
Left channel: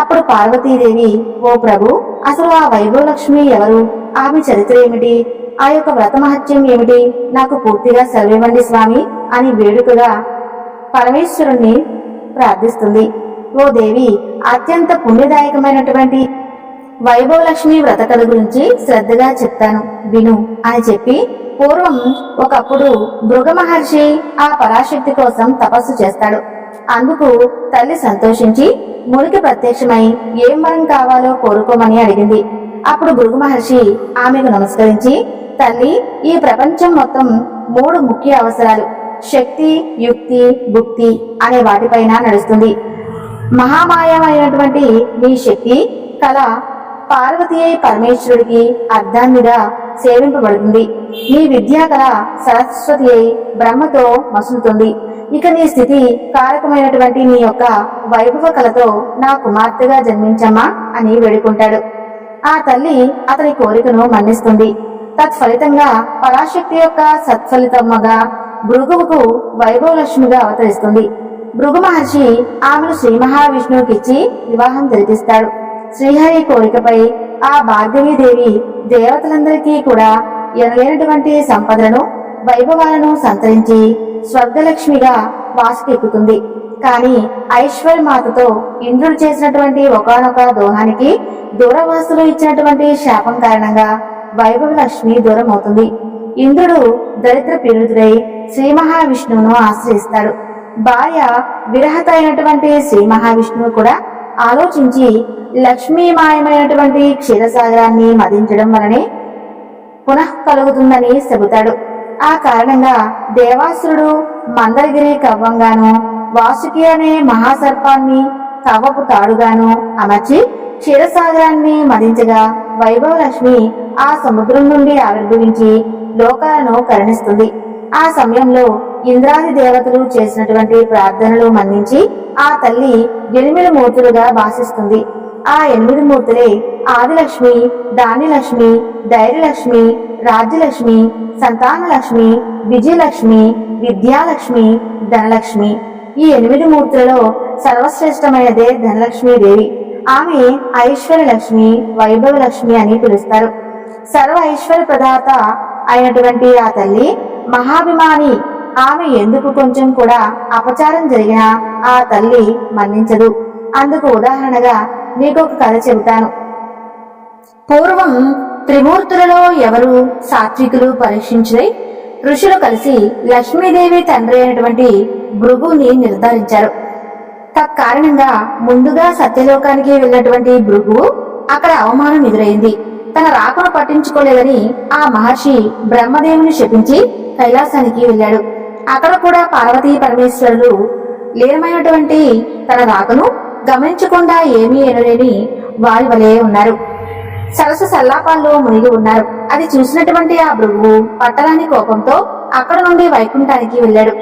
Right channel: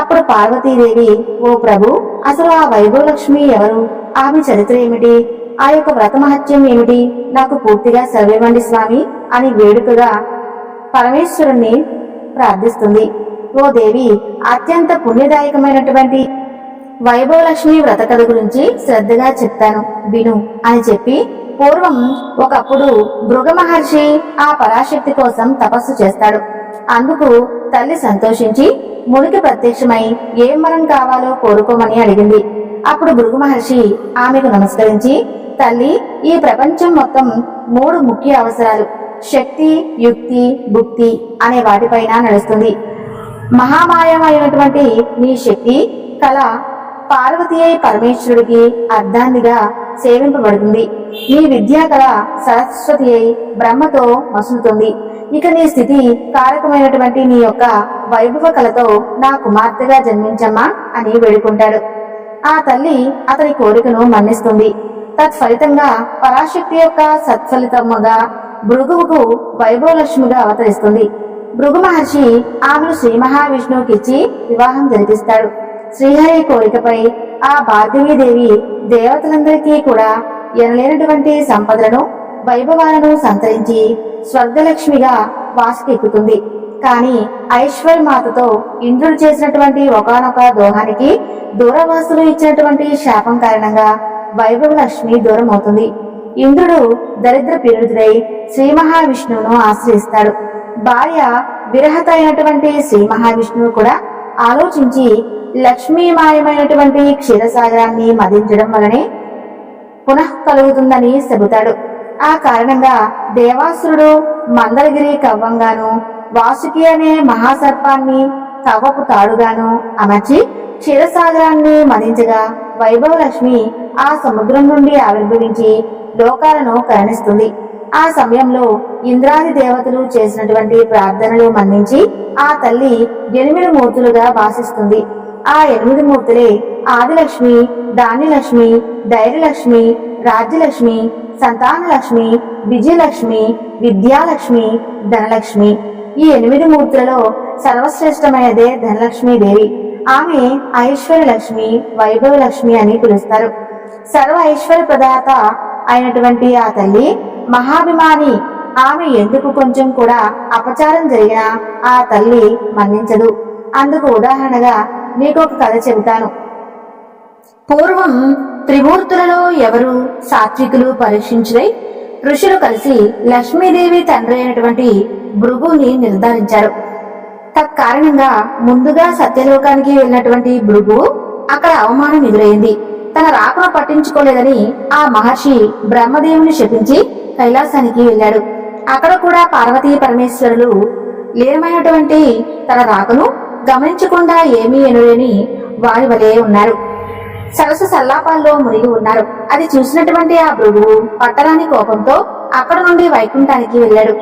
అప్పుడు పార్వతీదేవి, ఓ ప్రభు, అసలు ఆ వైభవలక్ష్మి ఎవరు, ఆమె చరిత్ర ఏమిటి, ఆ యొక్క వ్రతమహత్యం ఏమిటి, నాకు పూర్తిగా సెలవివ్వండి స్వామి అని వేడుకగా పరమేశ్వరుణ్ణి ప్రార్థిస్తుంది. ఓ దేవి, అత్యంత పుణ్యదాయకమైనటువంటి వైభవలక్ష్మి వ్రత కథ గురించి శ్రద్ధగా చెప్తాను విను అని చెప్పి, పూర్వం ఒకప్పుడు భృగ మహర్షి ఆ పరాశక్తి కోసం తపస్సు చేస్తాడు. అందుకు తల్లి సంతోషించి మునికి ప్రత్యక్షమై ఏం వరం కావాలో కోరుకోమని అడిగింది. అప్పుడు భృగు మహర్షి ఆమెకు నమస్కరించి, తల్లి, ఈ ప్రపంచం మొత్తం 3 ముఖ్య అవసరాలు శక్తి, యుక్తి, భుక్తి అనే వాటిపైన నడుస్తుంది. మహామాయమైనటువంటి నీ శక్తి కళ పార్వతి అయి పరమేశ్వరుడికి అర్ధాన్నిగా సేవింపబడుతుంది. నీ విద్యా కళ సరస్వతి అయి బ్రహ్మతో మసులుతుంది. ఇక నీ స్థితి కారకమైనటువంటి నీ యొక్క వైభవ కళతో నా కుమార్తెగా జన్మించమ్మా అని వేడుకుంటాడు. ఆ తల్లి అతని కోరికను మన్నిస్తుంది. తత్ఫలితంగా పరాశక్తి యొక్క సత్ఫలితమ్మగా భృగువుకు వైభవలక్ష్మిగా అవతరిస్తుంది. భృగు మహర్షి ఆమెను శ్రీ మహావిష్ణువుకిచ్చి వివాహం జరిపిస్తాడు. శ్రీహరి కోరికపై ఆ భార్గవీదేవి దేవతలందరికీ కూడా ఎనలేనటువంటి సంపదలను వైభవాలను సంతరించి స్వర్గలక్ష్మిగా వాసుకెక్కుతుంది. కాని ఐశ్వర్యమాతతో ఇంద్రుడు చేసినటువంటి ఒకానొక దోహానికి దూరవాసులు ఇచ్చినటువంటి శాపం కారణంగా వైభవలక్ష్మి దూరం అవుతుంది. ఇంద్రుడు దరిద్ర పీడితుడై శ్రీ మహావిష్ణువును ఆశ్రయిస్తాడు. భార్య విరహత అయినటువంటి శ్రీ మహావిష్ణువు కూడా ఆలోచించి లక్ష్మీమాయమైనటువంటి క్షీరసాగరాన్ని మదించడం వలనే పునః కలుగుతుందని చెబుతాడు. ఆ కారణంగా దేవాసురుడు మందరగిరి కవ్వంగాను వాసుకి అనే మహాసర్పాన్ని కవ్వపు తాడుగాను అమర్చి క్షీరసాగరాన్ని మదించగా వైభవలక్ష్మి ఆ సముద్రం నుండి ఆవిర్భవించి లోకాలను కరుణిస్తుంది. ఆ సమయంలో ఇంద్రాది దేవతలు చేసినటువంటి ప్రార్థనలు మన్నించి ఆ తల్లి 8 మూర్తులుగా భాషిస్తుంది. ఆ 8 మూర్తులే ఆదిలక్ష్మి, ధాన్యలక్ష్మి, ధైర్యలక్ష్మి, రాజ్యలక్ష్మి, సంతానలక్ష్మి, విజయలక్ష్మి, విద్యాలక్ష్మి, ధనలక్ష్మి. ఈ 8 మూర్తులలో సర్వశ్రేష్టమైనదే ధనలక్ష్మీదేవి. ఆమె ఐశ్వర్యలక్ష్మి, వైభవలక్ష్మి అని పిలుస్తారు. సర్వ ఐశ్వర్య ప్రదాత అయినటువంటి ఆ తల్లి మహాభిమాని. ఆమె ఎందుకు కొంచెం కూడా అపచారం జరిగినా ఆ తల్లి మన్నించదు. అందుకు ఉదాహరణగా మీకు ఒక కథ చెబుతాను. పూర్వం త్రిమూర్తులలో ఎవరు సాత్వికులు పరీక్షించుదై ఋషులు కలిసి లక్ష్మీదేవి తండ్రి అయినటువంటి భృగుని నిర్ధారించారు. తత్కారణంగా ముందుగా సత్యలోకానికి వెళ్ళినటువంటి భృగు అక్కడ అవమానం ఎదురైంది. తన రాకను పట్టించుకోలేదని ఆ మహర్షి బ్రహ్మదేవుని శపించి కైలాసానికి వెళ్ళాడు. అక్కడ కూడా పార్వతీ పరమేశ్వరులు లీనమైనటువంటి తన రాకను గమనించకుండా ఏమీ ఎనలేని వారి వలె ఉన్నారు. సరస్సు సల్లాపాల్లో మునిగి ఉన్నారు. అది చూసినటువంటి ఆ భృగువు పట్టరాని కోపంతో అక్కడ నుండి వైకుంఠానికి వెళ్ళాడు.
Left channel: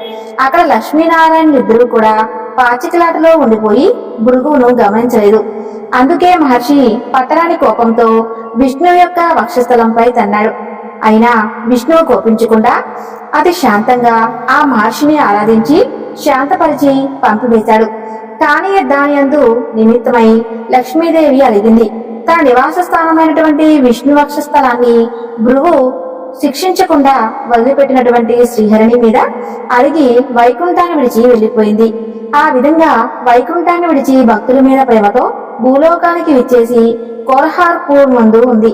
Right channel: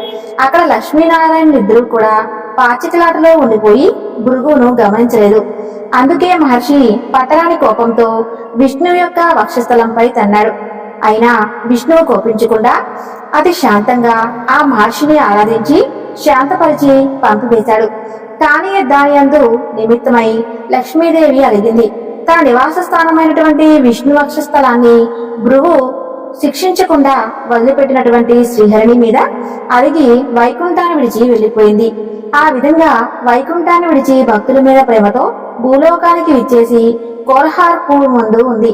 అక్కడ లక్ష్మీనారాయణులిద్దరూ కూడా పాచికలాటలో ఉండిపోయి భృగువును గమనించలేదు. అందుకే మహర్షి పట్టరాని కోపంతో విష్ణువు యొక్క వక్షస్థలంపై తన్నాడు. అయినా విష్ణువు కోపించకుండా అతి శాంతంగా ఆ మహర్షిని ఆరాధించి శాంతపరిచి పంపివేశాడు. కానీ దాని యందు నిమిత్తమై లక్ష్మీదేవి అలిగింది. తన నివాస స్థానమైనటువంటి విష్ణు వక్షస్థలాన్ని భృగు శిక్షించకుండా వదిలిపెట్టినటువంటి శ్రీహరిని మీద అలిగి వైకుంఠాన్ని విడిచి వెళ్లిపోయింది. ఆ విధంగా వైకుంఠాన్ని విడిచి భక్తుల మీద ప్రేమతో భూలోకానికి విచ్చేసి కోరహార్పూర్ ముందు ఉంది.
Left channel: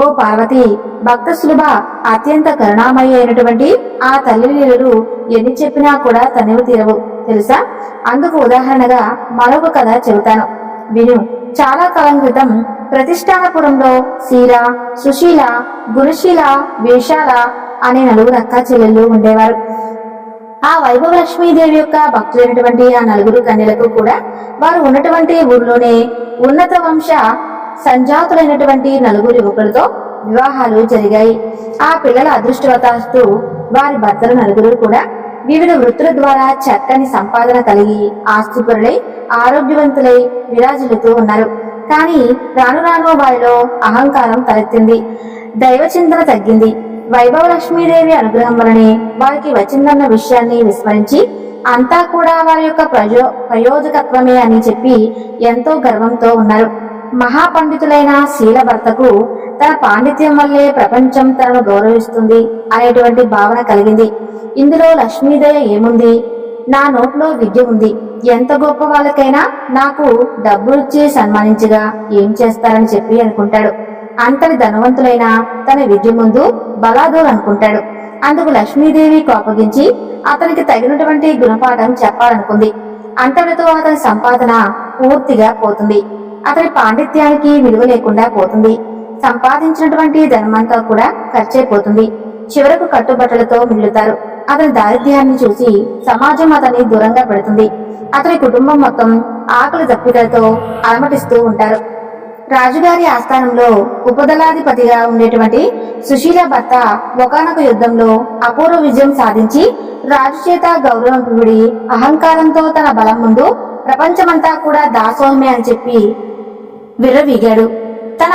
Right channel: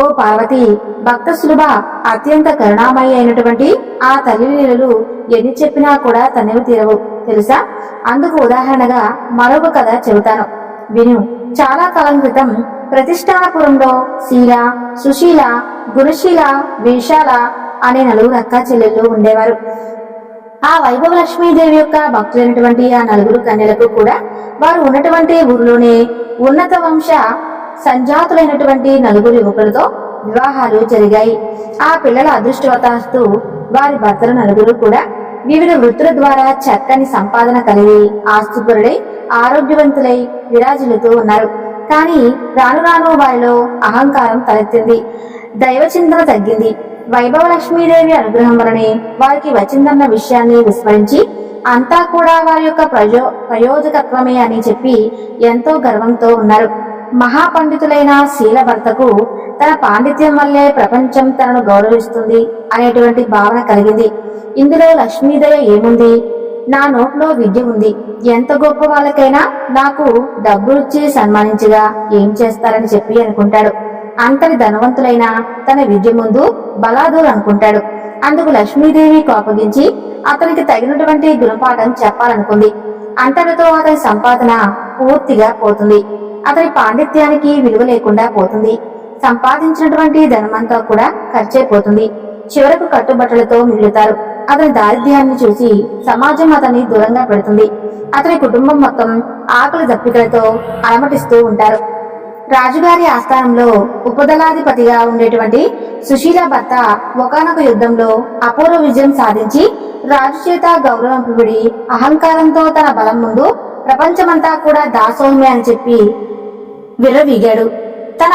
ఓ పార్వతి, భక్త సులభ అత్యంత కరుణామయి అయినటువంటి ఆ తల్లి లీలలు ఎన్ని చెప్పినా కూడా తనివి తీరవు తెలుసా. అందుకు ఉదాహరణగా మరొక కథ చెబుతాను, విను. చాలా కాలం క్రితం ప్రతిష్టానపురంలో శీల, సుశీల, గుణశీల, వేషాల అనే 4 అక్కా చెల్లెళ్ళు ఉండేవారు. ఆ వైభవలక్ష్మీదేవి యొక్క భక్తులైనటువంటి ఆ 4 కన్యలకు కూడా వారు ఉన్నటువంటి ఊరిలోనే ఉన్నత వంశ సంజాతులైనటువంటి 4 యువకులతో వివాహాలు జరిగాయి. ఆ పిల్లల అదృష్టవశాత్తు వారి భర్తలు 4 కూడా వివిధ వృత్తుల ద్వారా చక్కని సంపాదన కలిగి ఆస్తిపరులై ఆరోగ్యవంతులై విరాజిల్లుతూ ఉన్నారు. కానీ రాను రాను వారిలో అహంకారం తలెత్తింది. దైవచింతన తగ్గింది. వైభవలక్ష్మీదేవి అనుగ్రహం వలనే వారికి వచ్చిందన్న విషయాన్ని విస్మరించి అంతా కూడా వారి యొక్క ప్రయోజకత్వమే అని చెప్పి ఎంతో గర్వంతో ఉన్నారు. మహాపండితులైన శీల భర్తకు తన పాండిత్యం వల్లే ప్రపంచం తనను గౌరవిస్తుంది అనేటువంటి భావన కలిగింది. ఇందులో లక్ష్మీదయ ఏముంది? నా నోట్లో విద్య ఉంది. ఎంత గొప్ప వాళ్ళకైనా నాకు డబ్బు ఇచ్చి సన్మానించగా ఏం చేస్తారని చెప్పి అనుకుంటాడు. అంతటి ధనవంతులైన తన విద్య ముందు బలాదూర్ అనుకుంటాడు. అందుకు లక్ష్మీదేవి కోపగించి అతనికి తగినటువంటి గుణపాఠం చెప్పాలనుకుంది. అంతటితో అతని సంపాదన పూర్తిగా పోతుంది. అతని పాండిత్యానికి విలువ లేకుండా పోతుంది. సంపాదించినటువంటి ధనమంతా కూడా ఖర్చైపోతుంది. చివరకు కట్టుబట్టలతో మిగులుతారు. అతని దారిద్ర్యాన్ని చూసి సమాజం అతన్ని దూరంగా పెడుతుంది. అతని కుటుంబం మొత్తం ఆకలి దప్పికలతో అలమటిస్తూ ఉంటారు. రాజుగారి ఆస్థానంలో ఉపదళాధిపతిగా ఉండేటువంటి సుశీల భర్త ఒకానొక యుద్ధంలో అపూర్వ విజయం సాధించి రాజు చేత గౌరవం పొంది అహంకారంతో తన బలం ముందు ప్రపంచమంతా కూడా దాసోహమే అని చెప్పి విర్రవీగాడు. తన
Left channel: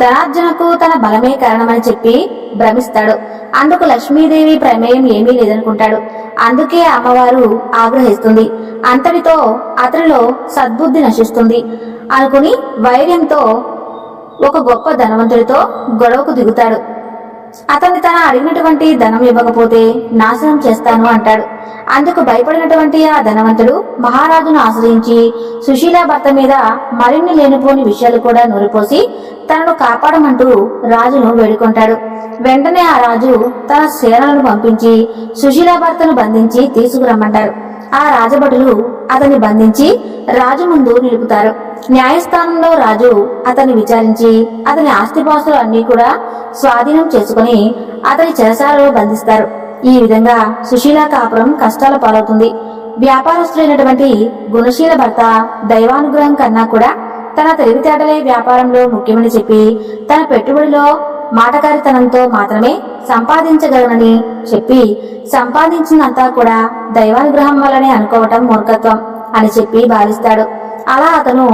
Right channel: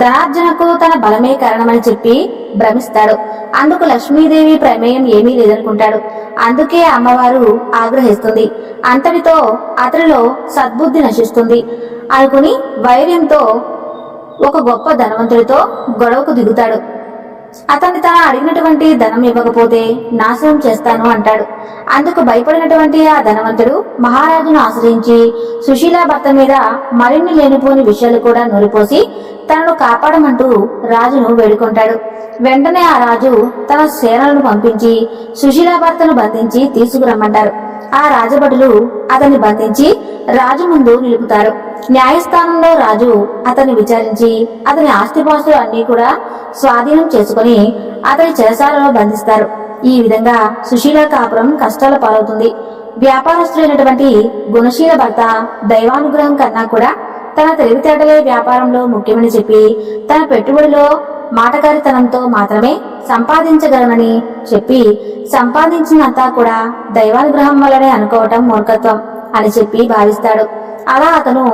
ధనార్జనకు తన బలమే కారణమని చెప్పి భ్రమిస్తాడు. అందుకు లక్ష్మీదేవి ప్రమేయం ఏమీ లేదనుకుంటాడు. అందుకే అమ్మవారు ఆగ్రహిస్తుంది. అంతటితో అతనిలో సద్బుద్ధి నశిస్తుంది అనుకుని వైర్యంతో ఒక గొప్ప ధనవంతుడితో గొడవకు దిగుతాడు. అతన్ని తన అడిగినటువంటి ధనం ఇవ్వకపోతే నాశనం చేస్తాను అంటాడు. అందుకు భయపడినటువంటి ఆ ధనవంతుడు మహారాజును ఆశ్రయించి సుశీల భర్త మీద మరిన్ని లేనిపోని విషయాలు కూడా నూరిపోసి తనను కాపాడమంటూ రాజును వేడుకుంటాడు. వెంటనే ఆ రాజు తన సేనలను పంపించి సుశీల భర్తను బంధించి తీసుకురమ్మంటారు. ఆ రాజభటులు అతన్ని బంధించి రాజు ముందు నిలుపుతారు. న్యాయస్థానంలో రాజు అతన్ని విచారించి అతని ఆస్తిపాస్తులు అన్నీ కూడా స్వాధీనం చేసుకుని అతని చెరసాలలో బంధిస్తారు. ఈ విధంగా సుశీల కాపురం కష్టాల పాలవుతుంది. వ్యాపారస్తులైనటువంటి గుణశీల భర్త దైవానుగ్రహం కన్నా కూడా తన తెలివితేటలే వ్యాపారంలో ముఖ్యమని చెప్పి తన పెట్టుబడిలో మాటకారితనంతో మాత్రమే సంపాదించగలనని చెప్పి సంపాదించినంతా కూడా దైవానుగ్రహం వల్లనే అనుకోవటం మూర్ఖత్వం అని చెప్పి భావిస్తాడు. అలా అతను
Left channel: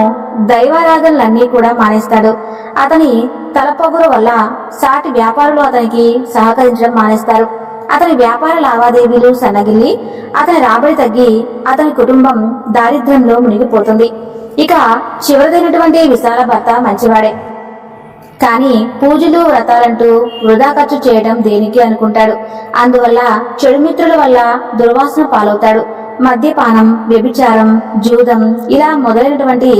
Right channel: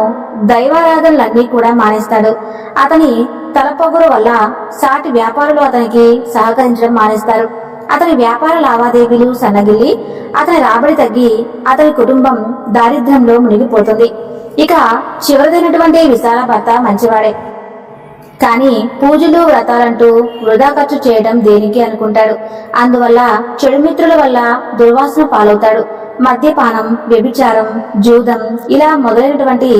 దైవారాధనలన్నీ కూడా మానేస్తాడు. అతని తలపొగరు వల్ల సాటి వ్యాపారులు అతనికి సహకరించడం మానేస్తారు. అతని వ్యాపార లావాదేవీలు సన్నగిల్లి అతని రాబడి తగ్గి అతని కుటుంబం దారిద్ర్యంలో మునిగిపోతుంది. ఇక చివరిదైనటువంటి విశాల భర్త మంచివాడే, కానీ పూజలు వ్రతాలంటూ వృధా ఖర్చు చేయడం దేనికి అనుకుంటాడు. అందువల్ల చెడు మిత్రుల వల్ల దుర్వాసన పాలవుతాడు. మద్యపానం, వ్యభిచారం, జూదం ఇలా మొదలైనటువంటి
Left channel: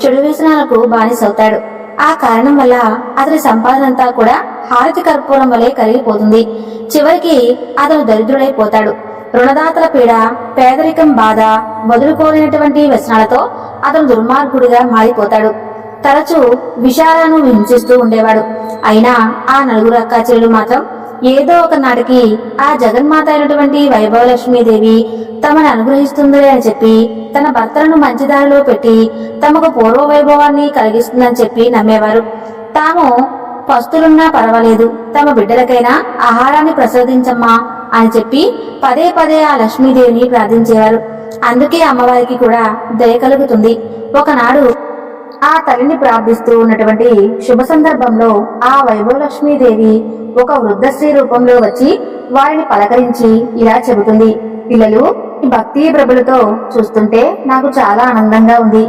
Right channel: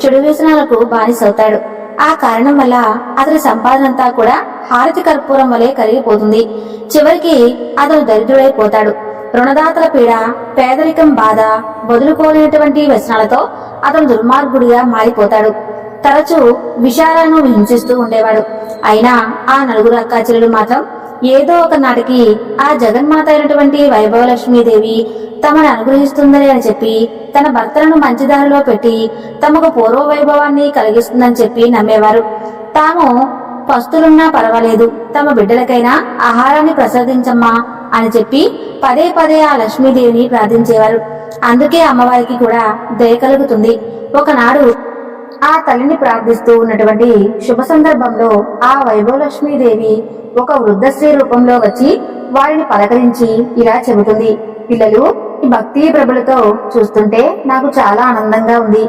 చెడు వ్యసనాలకు బానిసవుతాడు. ఆ కారణం వల్ల అతని సంపాదనంతా కూడా హారతి కర్పూరం వలె కరిగిపోతుంది. చివరికి అతను దరిద్రుడైపోతాడు. రుణదాతల పీడ, పేదరికం బాధ, వదులుకోలేనటువంటి వ్యసనాలతో అతను దుర్మార్గుడిగా మారిపోతాడు. తరచూ విషాలను హింసిస్తూ ఉండేవాడు. అయినా ఆ నలుగురు అక్కాచెల్లెలు మాత్రం ఏదో ఒక నాటికి ఆ జగన్మాత అయినటువంటి వైభవలక్ష్మీదేవి తమను అనుగ్రహిస్తుందలే అని చెప్పి తన భర్తలను మంచిదారిలో పెట్టి తమకు పూర్వ వైభవాన్ని కలిగిస్తుందని చెప్పి నమ్మేవారు. తాము పస్తులున్నా పర్వాలేదు, తమ బిడ్డలకైనా ఆహారాన్ని ప్రసాదించమ్మా అని చెప్పి పదే పదే ఆ లక్ష్మీదేవిని ప్రార్థించేవారు. అందుకే అమ్మవారికి కూడా దయ కలుగుతుంది. ఒకనాడు ఆ తల్లిని ప్రార్థిస్తూ ఉన్నటువంటి శుభ సందర్భంలో ఆ వైభవలక్ష్మీదేవి ఒక వృద్ధ స్త్రీ రూపంలో వచ్చి వారిని పలకరించి ఇలా చెబుతుంది: పిల్లలు, ఈ భక్తి ప్రభులతో చూస్తుంటే నాకు చాలా ఆనందంగా ఉంది.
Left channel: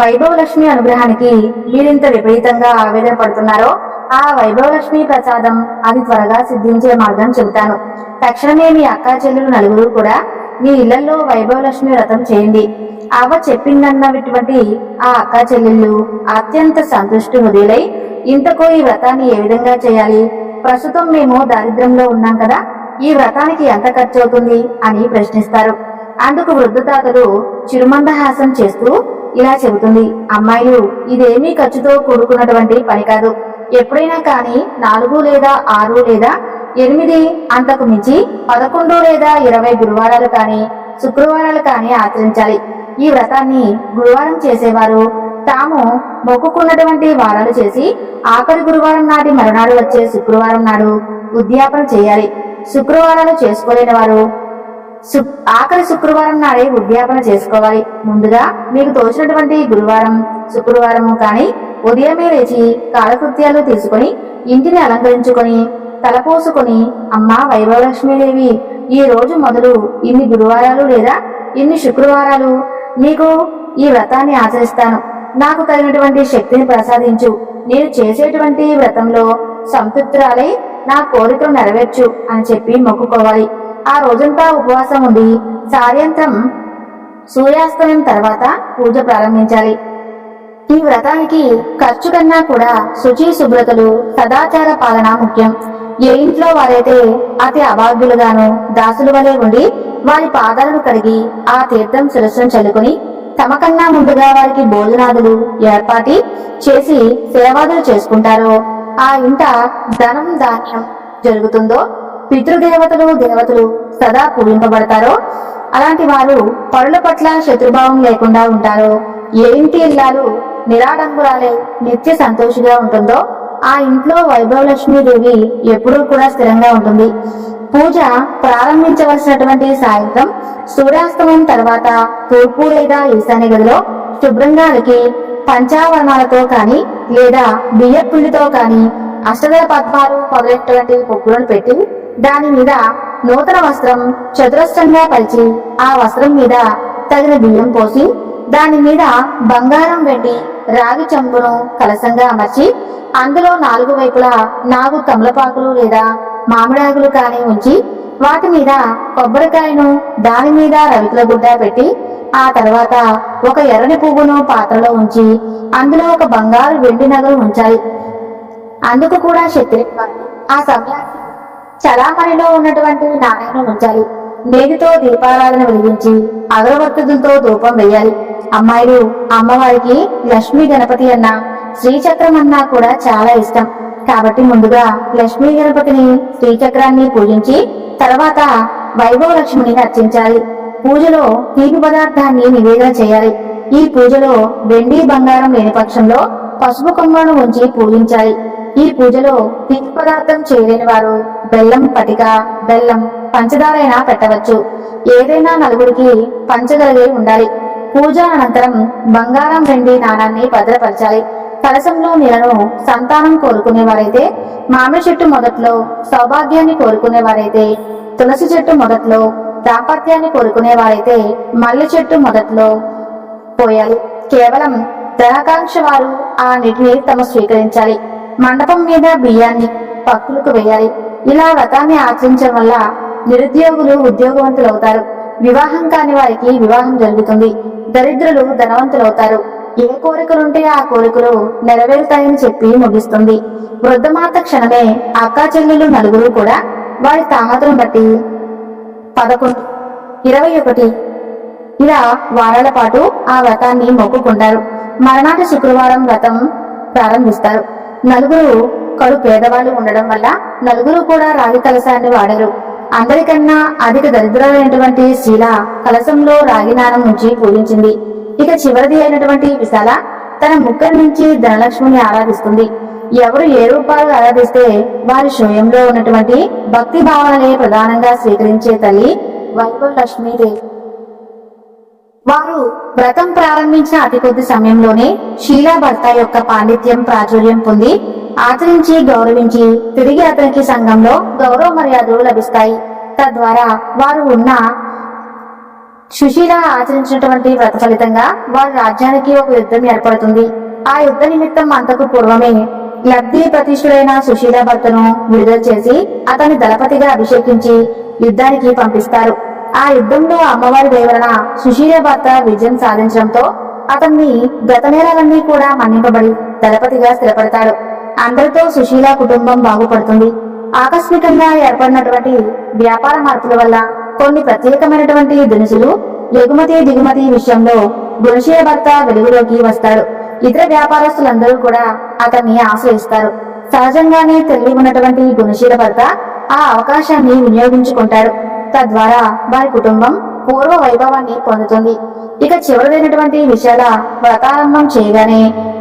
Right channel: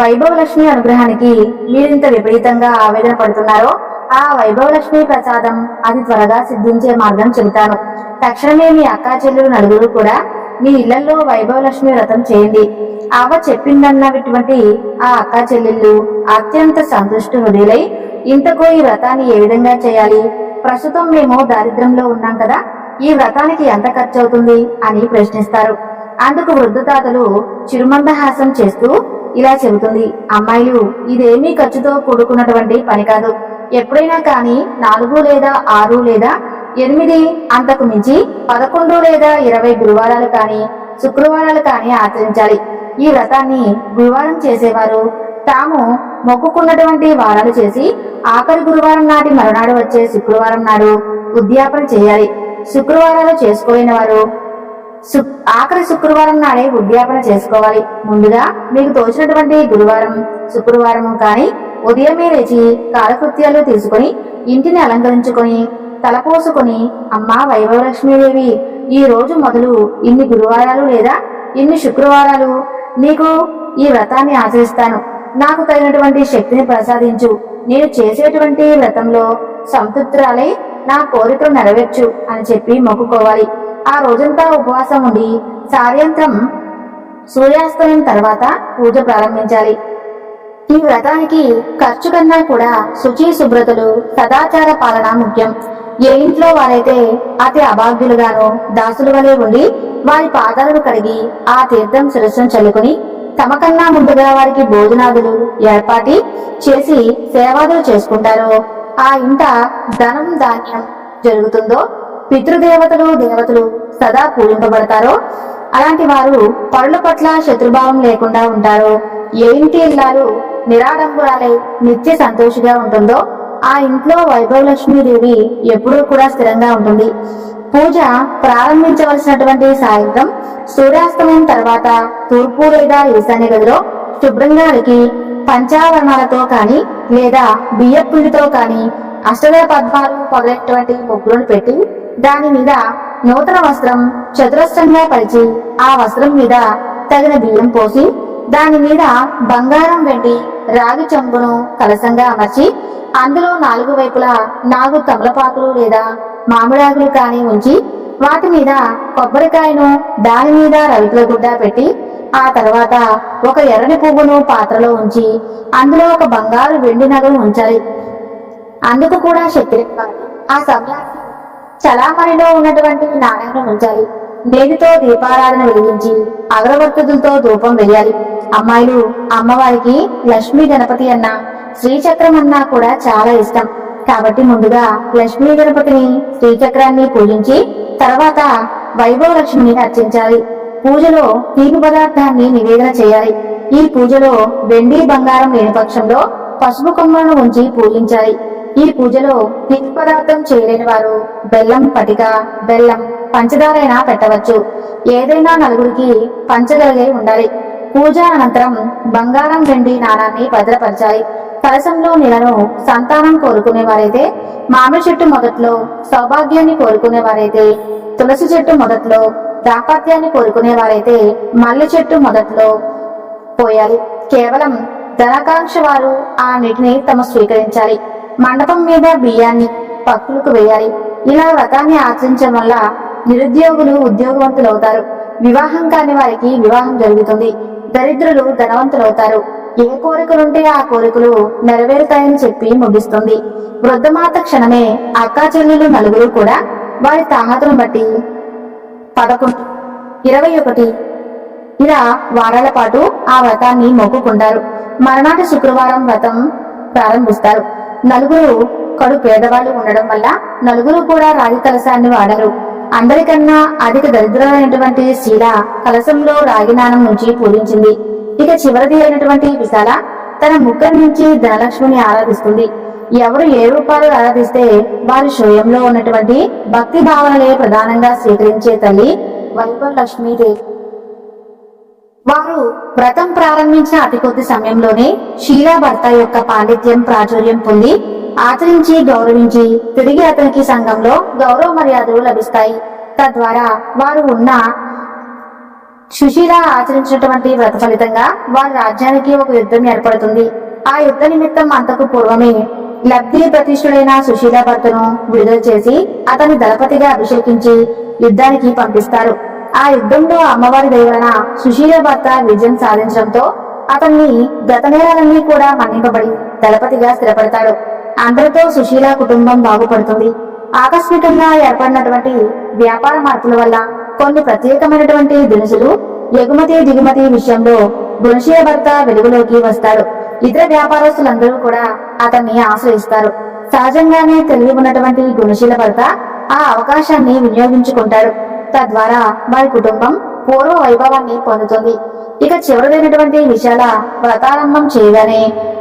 వైభవలక్ష్మి అనుగ్రహానికి మీరింత విపరీతంగా ఆవేదన పడుతున్నారో ఆ వైభవలక్ష్మి ప్రసాదం అది త్వరగా సిద్ధించే మార్గం చెబుతాను. తక్షణమే మీ అక్కా చెల్లెలు నలుగురు కూడా మీ ఇళ్లలో వైభవలక్ష్మి వ్రతం చేయండి. అవ్వ చెప్పిందన్నటువంటి ఆ అక్కా చెల్లెళ్ళు అత్యంత సంతుష్టి హృదయులై, ఇంతకు ఈ వ్రతాన్ని ఏ విధంగా చేయాలి? ప్రస్తుతం మేము దారిద్ర్యంలో ఉన్నాం కదా, ఈ వ్రతానికి ఎంత ఖర్చు అవుతుంది అని ప్రశ్నిస్తారు. అందుకు వృద్ధ తాతలు చిరుమందహాసం చేస్తూ ఇలా చెబుతుంది: అమ్మాయిలు, ఇదేమీ ఖర్చుతో కూడుకున్నటువంటి పని కాదు. ఎప్పుడైనా కానీ 4 లేదా 6 లేదా 8 అంతకు మించి 11 లేదా 20 గురువారాలు కానీ శుక్రవారాలు కానీ ఆచరించాలి. ఈ వ్రతాన్ని గురువారం చేసేవారు తాము మొక్కుకున్నటువంటి వారాలు చేసి ఆఖరి గురువారం నాటి మరునాడు వచ్చే శుక్రవారం నాడు ఉద్యాపన చేయాలి. శుక్రవారాలు చేసుకోలేని వారు ఆఖరి శుక్రవారం నాడే ఉద్యాపన చేసుకోవాలి. ముందుగా మీకు తోచినటువంటి గురువారం, శుక్రవారము కానీ ఉదయమే లేచి కాలకృత్యాలు తీసుకుని ఇంటిని అలంకరించుకొని తలపోసుకొని, అమ్మా వైభవలక్ష్మీదేవి, ఈ రోజు మొదలు ఇన్ని గురువారాలు లేదా ఇన్ని శుక్రవారాలు నీకు ఈ వ్రతాన్ని ఆచరిస్తాను. నాకు తగినటువంటి శక్తిని ప్రసాదించు. నేను చేసేటువంటి వ్రతంలో సంతృప్తురాలై నా కోరికలు నెరవేర్చు అని చెప్పి మొక్కుకోవాలి. ఆ రోజంతా ఉపవాసం ఉండి సాయంత్రం సూర్యాస్తమయం తర్వాత పూజ ప్రారంభించాలి. ఈ వ్రతానికి ఖర్చు కన్నా కూడా శుచి, శుభ్రతలు, సదాచార పాలన ముఖ్యం. ఏ ఇంట్లో వారైతే అతి అభాగ్యులుగాను దాసుల వలె ఉండి వారి పాదాలను కడిగి ఆ తీర్థం శిరస్సును చల్లుకుని తమకన్నా ముందుగా వారికి భోజనాదులు ఏర్పాటి చేసి సేవాదులు చేసుకుంటారో ఆ ఇంట ధనం ధాన్యం జరుగుతుందో, పితృదేవతలు దేవతలు సదా పూజింపబడతారో, అలాంటి వారు పరుల పట్ల శత్రుభావం లేకుండా ఉంటారో, ఏ ఇంటి ఇల్లాలు నిరాడంబరాలే నిత్య సంతోషిగా ఉంటుందో ఆ ఇంట్లో వైభవలక్ష్మీదేవి ఎప్పుడూ కూడా స్థిరంగా ఉంటుంది. పూజ ప్రారంభించవలసినటువంటి సాయంత్రం సూర్యాస్తమయం తర్వాత తూర్పు లేదా ఈశాన్య గదిలో శుభ్రంగా అలికి పంచావరణాలతో కాని లేదా బియ్యం పిండితో కానీ అష్టదళ పద్మాలు మొదలైనటువంటి ముగ్గులను పెట్టి దాని మీద నూతన వస్త్రం చతురస్రంగా పరిచి ఆ వస్త్రం మీద తగిన బియ్యం పోసి దాని మీద బంగారం వెండి రాగి చెంబును కలసంగా అమర్చి అందులో 4 వైపులా 4 తమలపాకులు లేదా మామిడాకులు కాని ఉంచి వాటి మీద కొబ్బరికాయను దాని మీద రవికుల గుడ్డ పెట్టి ఆ తర్వాత ఒక ఎర్రని పువ్వును పాత్రలో ఉంచి అందులో ఒక బంగారు వెండి నగలు ఉంచాలి. అందుకు కూడా శక్తి ఆ సమయానికి చలామణిలో ఉన్నటువంటి నాణ్యను ఉంచాలి. నేతితో దీపారాధన వెలిగించి అగరవత్తులతో ధూపం వేయాలి. అమ్మాయిలు అమ్మవారికి లక్ష్మీ గణపతి అన్న శ్రీచక్రం అన్నా కూడా చాలా ఇష్టం కాబట్టి ముందుగా లక్ష్మీ గణపతిని శ్రీచక్రాన్ని పూజించి తర్వాత వైభవ లక్ష్మిని అర్చించాలి. పూజలో తీపి పదార్థాన్ని నివేదన చేయాలి. ఈ పూజలో వెండి బంగారం లేని పక్షంలో పసుపు కొమ్మలను ఉంచి పూజించాలి. ఈ పూజలో తీపి పదార్థం చేయలేని వారు బెల్లం పటిక, బెల్లం, పంచదార అయినా పెట్టవచ్చు. ఏదైనా నలుగురికి పంచగలిగే ఉండాలి. పూజ అనంతరం బంగారం వెండి నాణాన్ని భద్రపరచాలి. కలశంలో నీళ్లను సంతానం కోరుకునేవారైతే మామిడి చెట్టు మొదట్లో సౌభాగ్యాన్ని కోరుకునేవారైతే తులసి చెట్టు మొదట్లో దాంపత్యాన్ని కోరుకునేవారైతే మల్లె చెట్టు మొదట్లో పోయాలి. కేవలం ధనాకాంక్ష వారు ఆ నీటిని స్వీకరించాలి. మండపం మీద బియ్యాన్ని భక్తులకు వేయాలి. ఇలా వ్రతాన్ని ఆచరించడం వల్ల నిరుద్యోగులు ఉద్యోగవంతులవుతారు. వివాహం కాని వారికి వివాహం జరుగుతుంది. దరిద్రులు ధనవంతులవుతారు. ఏ కోరికలుంటే ఆ కోరికలు నెరవేరుతాయని చెప్పి ముగిస్తుంది. వృద్ధమాత క్షణమే అక్కా చెల్లెలు నలుగురు కూడా వారి తాహతును బట్టి 11, 21 ఇలా వారాల పాటు ఆ వ్రతాన్ని మొక్కుకుంటారు. మరునాటి శుక్రవారం వ్రతం ప్రారంభిస్తారు. నలుగురు కడు పేదవాళ్ళు ఉండడం వల్ల నలుగురు కూడా రాగి కలశాన్ని వాడారు. అందరికన్నా అధిక దరిద్రులైనటువంటి శీల కలశంలో రాగి నాణం నుంచి పూజించింది. ఇక చివరిది అయినటువంటి విశాల తన ముక్కల నుంచి ధనలక్ష్మిని ఆరాధిస్తుంది. ఎవరు ఏ రూపాలు ఆరాధిస్తే వారి శోయంలో ఉన్నటువంటి భక్తి భావనలే ప్రధానంగా స్వీకరించే తల్లి వైభవ లక్ష్మీదేవి. వారు వ్రతం ప్రారంభించిన అతి కొద్ది సమయంలోనే షీలా భర్త యొక్క పాండిత్యం ప్రాచుర్యం పొంది ఆచరించి గౌరవించి తిరిగి అతనికి సంఘంలో గౌరవ మర్యాదలు లభిస్తాయి. తద్వారా వారు ఉన్న సుశీల ఆచరించినటువంటి వ్రత ఫలితంగా వారి రాజ్యానికి ఒక యుద్ధం ఏర్పడుతుంది. ఆ యుద్ధ నిమిత్తం అంతకు పూర్వమే లబ్ధి ప్రతిష్ఠుడైన సుశీల భర్తను విడుదల చేసి అతన్ని దళపతిగా అభిషేకించి యుద్ధానికి పంపిస్తారు. ఆ యుద్ధంలో అమ్మవారి దయ వలన సుశీల భర్త విజయం సాధించడంతో అతన్ని గత నేరాలన్నీ కూడా మన్నింపబడి దళపతిగా స్థిరపడతాడు. అందరితో సుశీల కుటుంబం బాగుపడుతుంది. ఆకస్మికంగా ఏర్పడినటువంటి వ్యాపార మార్పుల వల్ల కొన్ని ప్రత్యేకమైనటువంటి దినుసులు ఎగుమతి దిగుమతి విషయంలో గుణశీల భర్త వెలుగులోకి వస్తాడు. ఇతర వ్యాపారస్తులందరూ కూడా అతన్ని ఆశ్రయిస్తారు. సహజంగానే తెలివి ఉన్నటువంటి గుణశీల భర్త ఆ అవకాశాన్ని వినియోగించుకుంటాడు. తద్వారా వారి కుటుంబం పూర్వ వైభవాన్ని పొందుతుంది. ఇక చివరిదైనటువంటి విశాల వ్రతారంభం చేయగానే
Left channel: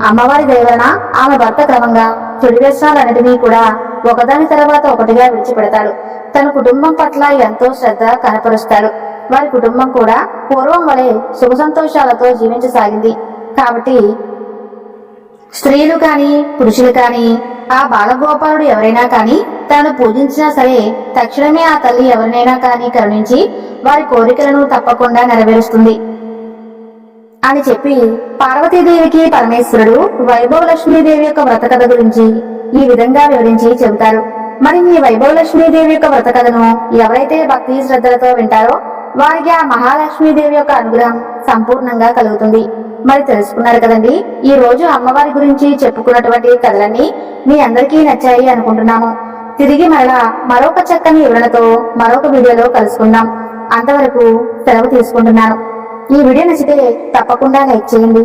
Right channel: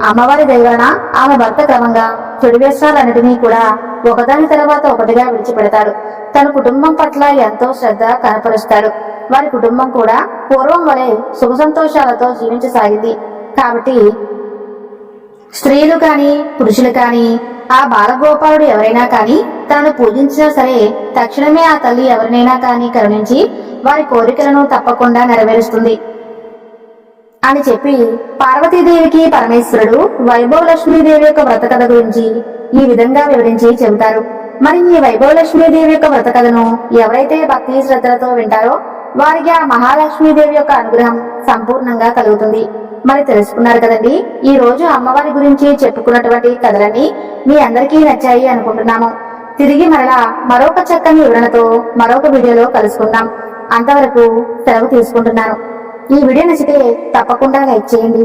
అమ్మవారి దయ వలన ఆమె భర్త క్రమంగా చెడు వ్యసనాలన్నిటినీ కూడా ఒకదాని తర్వాత ఒకటిగా విడిచిపెడతాడు. తన కుటుంబం పట్ల ఎంతో శ్రద్ధ కనపరుస్తాడు. వారి కుటుంబం కూడా పూర్వం వలె సుఖ సంతోషాలతో జీవించసాగింది. కాబట్టి స్త్రీలు కాని పురుషులు కాని ఆ బాలగోపాలుడు ఎవరైనా కాని తాను పూజించినా సరే తక్షణమే ఆ తల్లి ఎవరినైనా కాని కరుణించి వారి కోరికలను తప్పకుండా నెరవేరుస్తుంది అని చెప్పి పార్వతీదేవికి పరమేశ్వరుడు వైభవ లక్ష్మీదేవి యొక్క వ్రత కథ గురించి ఈ విధంగా వివరించి చెబుతారు. మరి ఈ వైభవ లక్ష్మీదేవి యొక్క వ్రత కథను ఎవరైతే భక్తి శ్రద్ధలతో వింటారో వారికి ఆ మహాలక్ష్మీదేవి యొక్క అనుగ్రహం సంపూర్ణంగా కలుగుతుంది. మరి తెలుసుకున్నారు కదండి. ఈ రోజు అమ్మవారి గురించి చెప్పుకున్నటువంటి కథలన్నీ మీ అందరికీ నచ్చాయి అనుకుంటున్నాము. తిరిగి మరలా మరొక చక్కని వివరణతో మరొక వీడియోలో కలుసుకుందాం. అంతవరకు సెలవు తీసుకుంటున్నాను. ఈ వీడియో నచ్చితే తప్పకుండా లైక్ చేయండి.